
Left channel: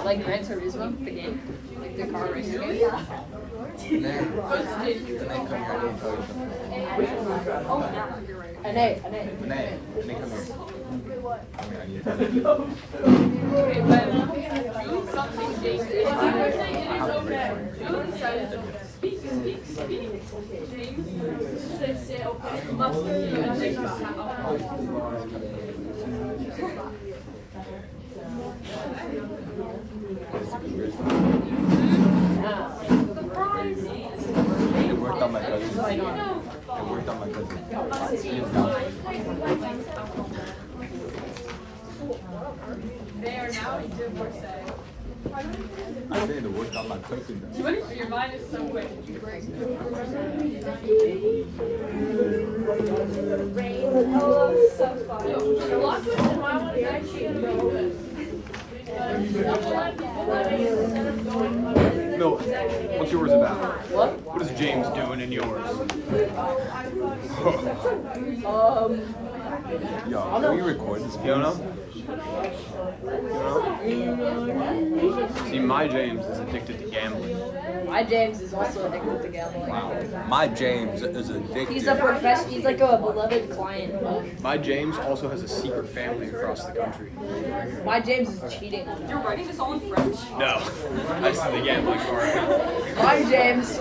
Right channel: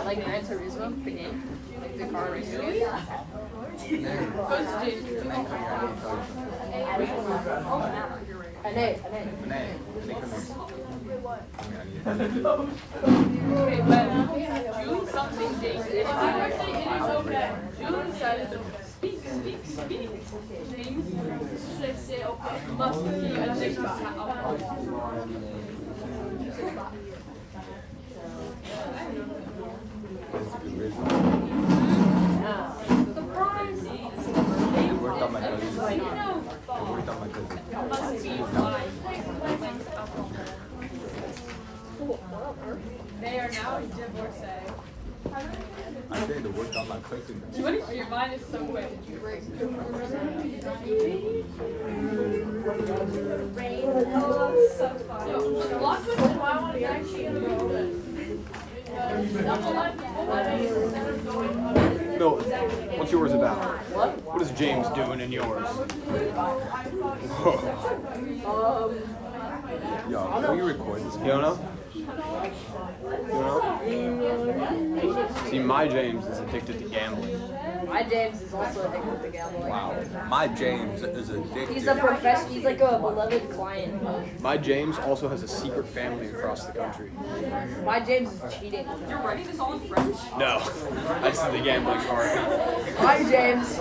Like Gran Turismo, the game, like the car racing game. Hey. Okay, but doing something James is okay. Julie says, speak. James says, say okay. Must be a James. They are now divorcee. Your mind is so weird. The last question why I want to actually do it. No, what's yours about? What is James doing in yours? You don't know? See, my James is addicted to gambling. My James is also addicted to gambling. My James is addicted. He's a professional. He's like a beloved client. My James also has a secret family across the country. My James is cheating. You're writing this all in French? No, that's the gambling part. My James is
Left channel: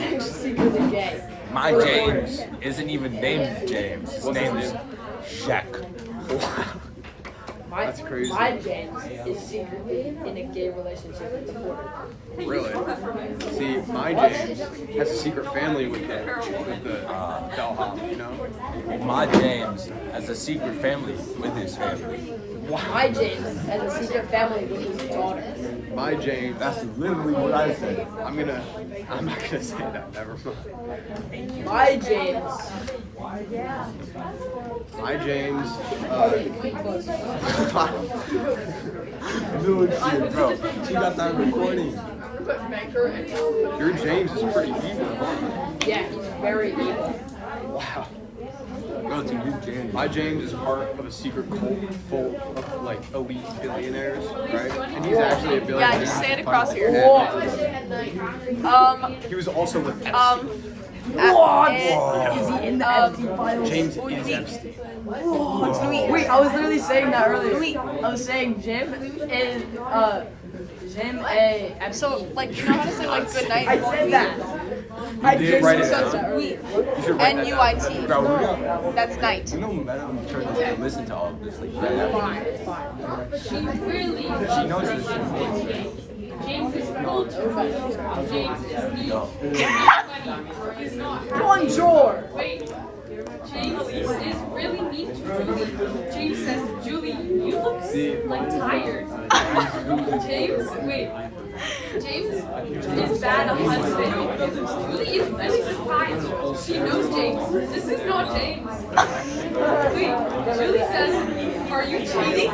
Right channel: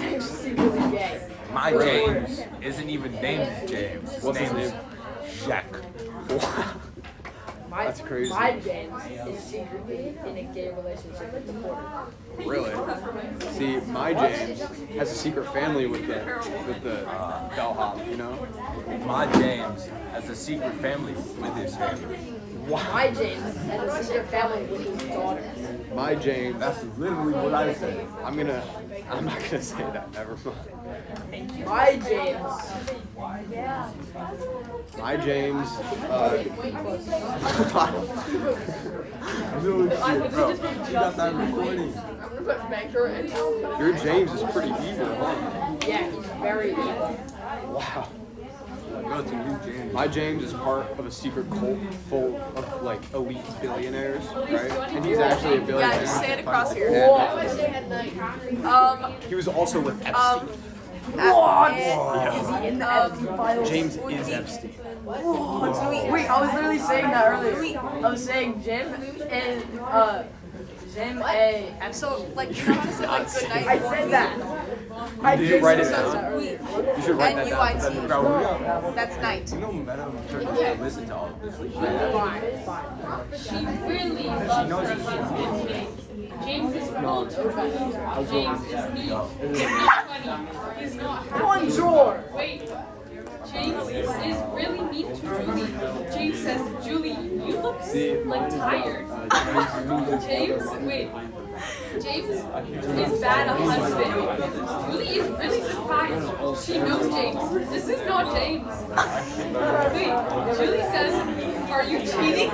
actually secretly gay. My James isn't even named James. His name is Shaq. That's crazy. My James is secretly in a gay relationship. Really? See, my James has a secret family with the bellhop, you know? My James has a secret family with his family. My James has a secret family with his daughter. My James. That's literally what I said. I'm not gonna say that. Never. My James. My James. She got that recording. Your James is pretty evil. Yeah, he's very evil. Wow. Go to you, James. My James is part of a secret cult full of like elite billionaires, right? And he's actually a billionaire. Yeah, just stand across here. He was also with Epstein. James is Epstein. Wait, I was literally saying that earlier. I was saying Jim is Jim A. So, like, you know how to say, like, good night? I said that. I did just write it said down. that. We. N-U-I-T. That's night. Listen to all this. She really loves James. James is full to James is me. Julie is not. Bonjour. Wait. James is really mean to Julie. James says, Julie, you look like tired. James, wait. James is bad on husband. Julie is really surprised. She knows James. This is not James. Wait, Julie says, are you cheating?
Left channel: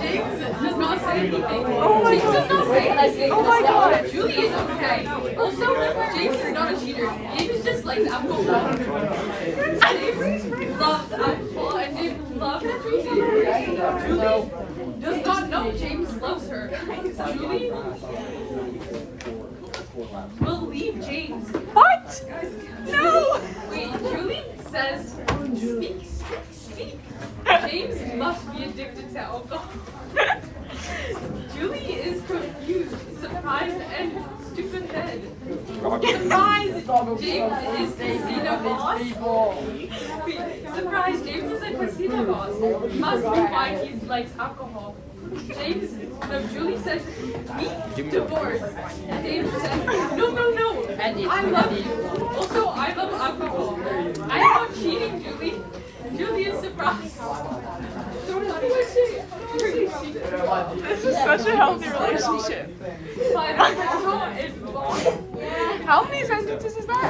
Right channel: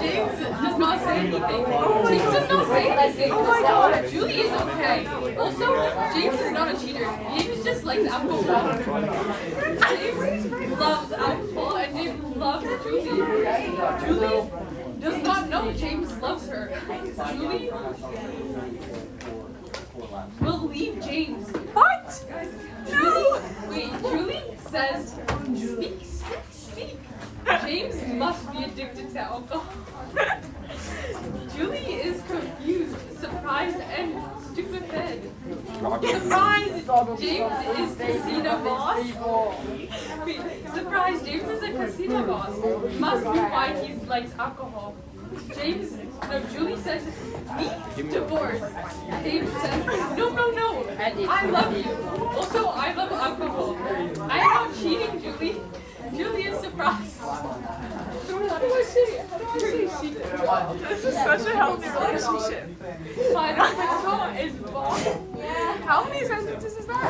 James does not say anything. James does not say anything. Oh my god. Julie is okay. Also, James is not a cheater. James just likes alcohol. James loves alcohol and James loves Julie. Julie does not know James loves her. Julie will leave James. What? No! Wait, Julie says, speak. James must be addicted to alcohol. Julie is confused, surprised, and stupid. Surprised, James is casino boss. Surprised, James is a casino boss. Must be why he likes alcohol. Julie says, me, divorce. James says, no. I love you. Also, I love alcohol. I am not cheating, Julie. Julie is surprised. This is such a healthy relationship. My alcohol is bomb. How many sentences is that?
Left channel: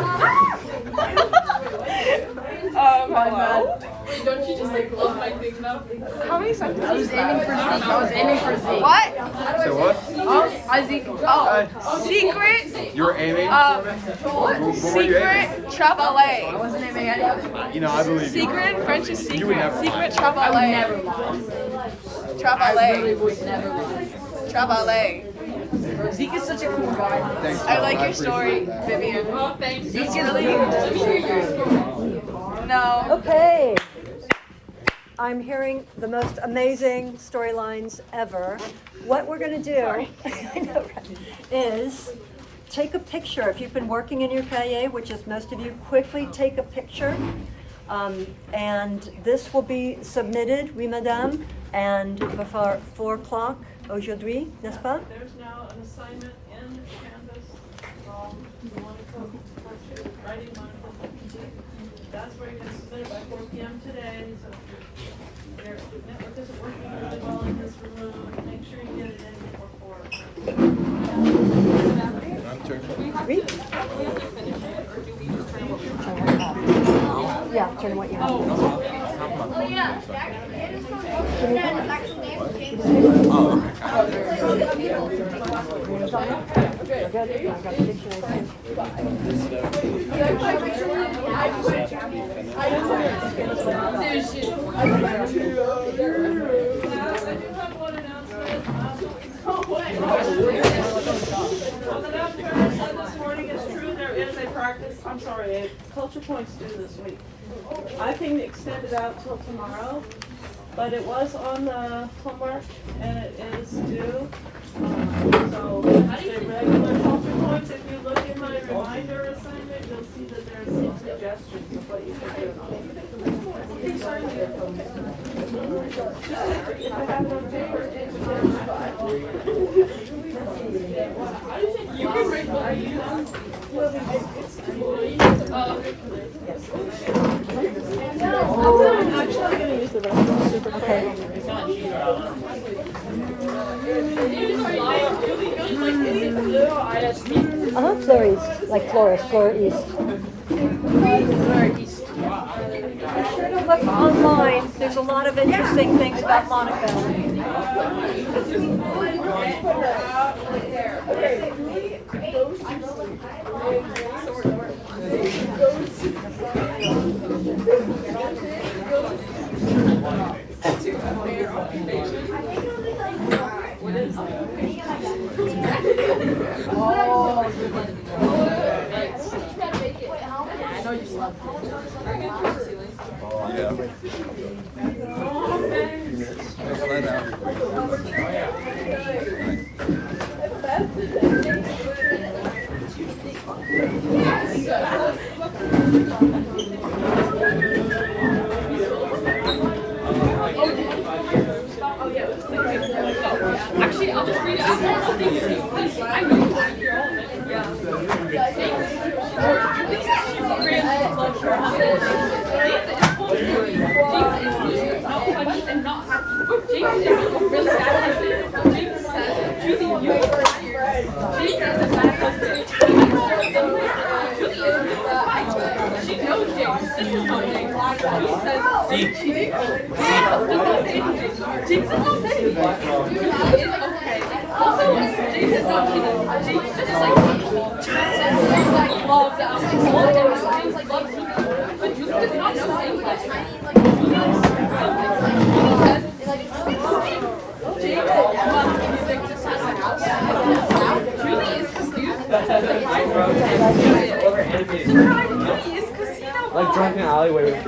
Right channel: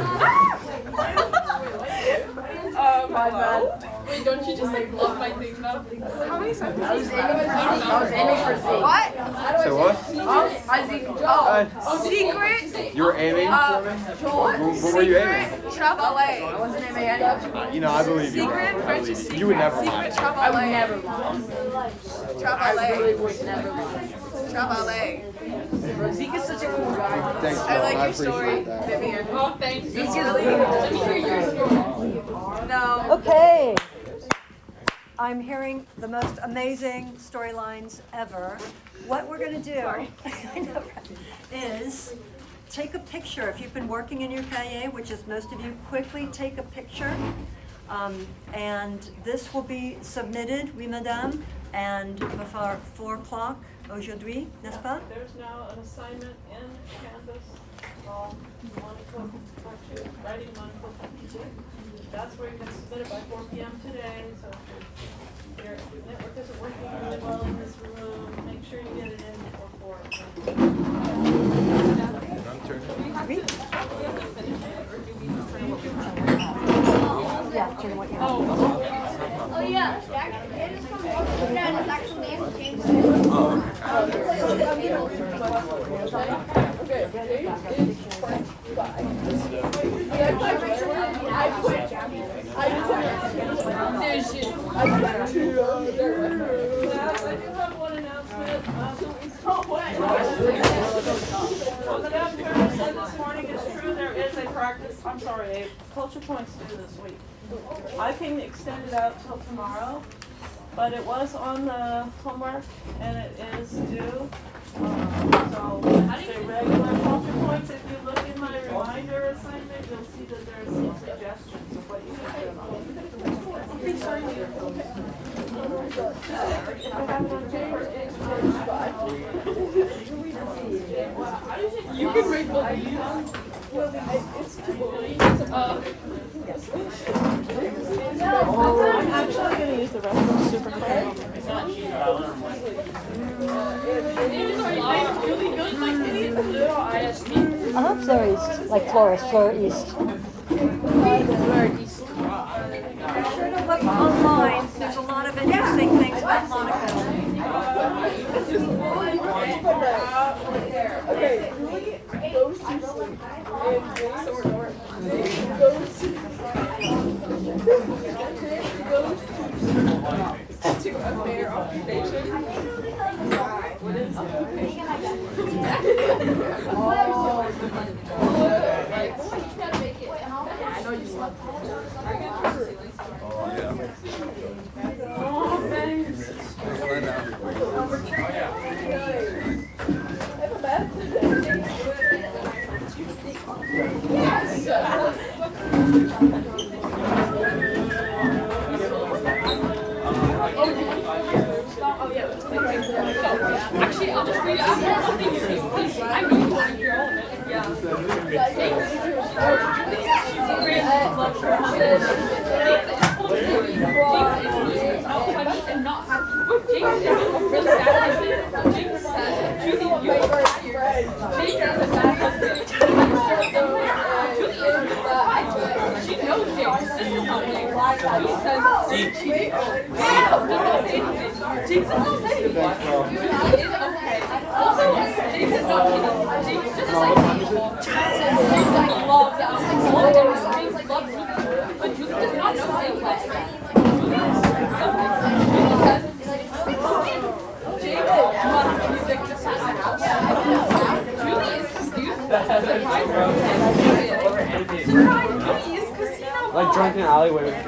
Wow. Don't you just like love my thing now? How many sentences? What? So what? I think. Secret. You were aiming? What were you aiming? Secret Travail. You know, I believe you. Secret in French is secret. You would never. Secret Travail. Travail. Zeke is such a cool guy. Thanks, I Mom. like your appreciate story, that. Vivian. Oh, thanks. Zeke is really No. Okay. I'm hearing the most amazing storylines ever. What we're going to do, I know, right, is take a picture. If you've been working in your cahier, which is most of you, quickly take a picture. And this will be submitted, oui madame, and before 4 o'clock aujourd'hui, n'est-ce pas? There's now an assignment in Canvas. That's where you can submit it by 4 p.m. today. So if this is working really well in this room, make sure you get it in before 4. Oui? Yeah, turn what you A culture points due this week. I can extend it out till tomorrow, but it was on the homework and it is due. So the regular culture points, if you look in my reminder assignment, you'll see that there's some suggestions of what you can do. If I have no paper, you can read what you use. I'm actually going to use the restroom super I heard Fleur East, like Florist, Fleur East. Be sure to look online. There's a lot of interesting things about Monaco. Actually, I'll just read it. I don't know if you please. I know. Yeah. Like drunken alleyway.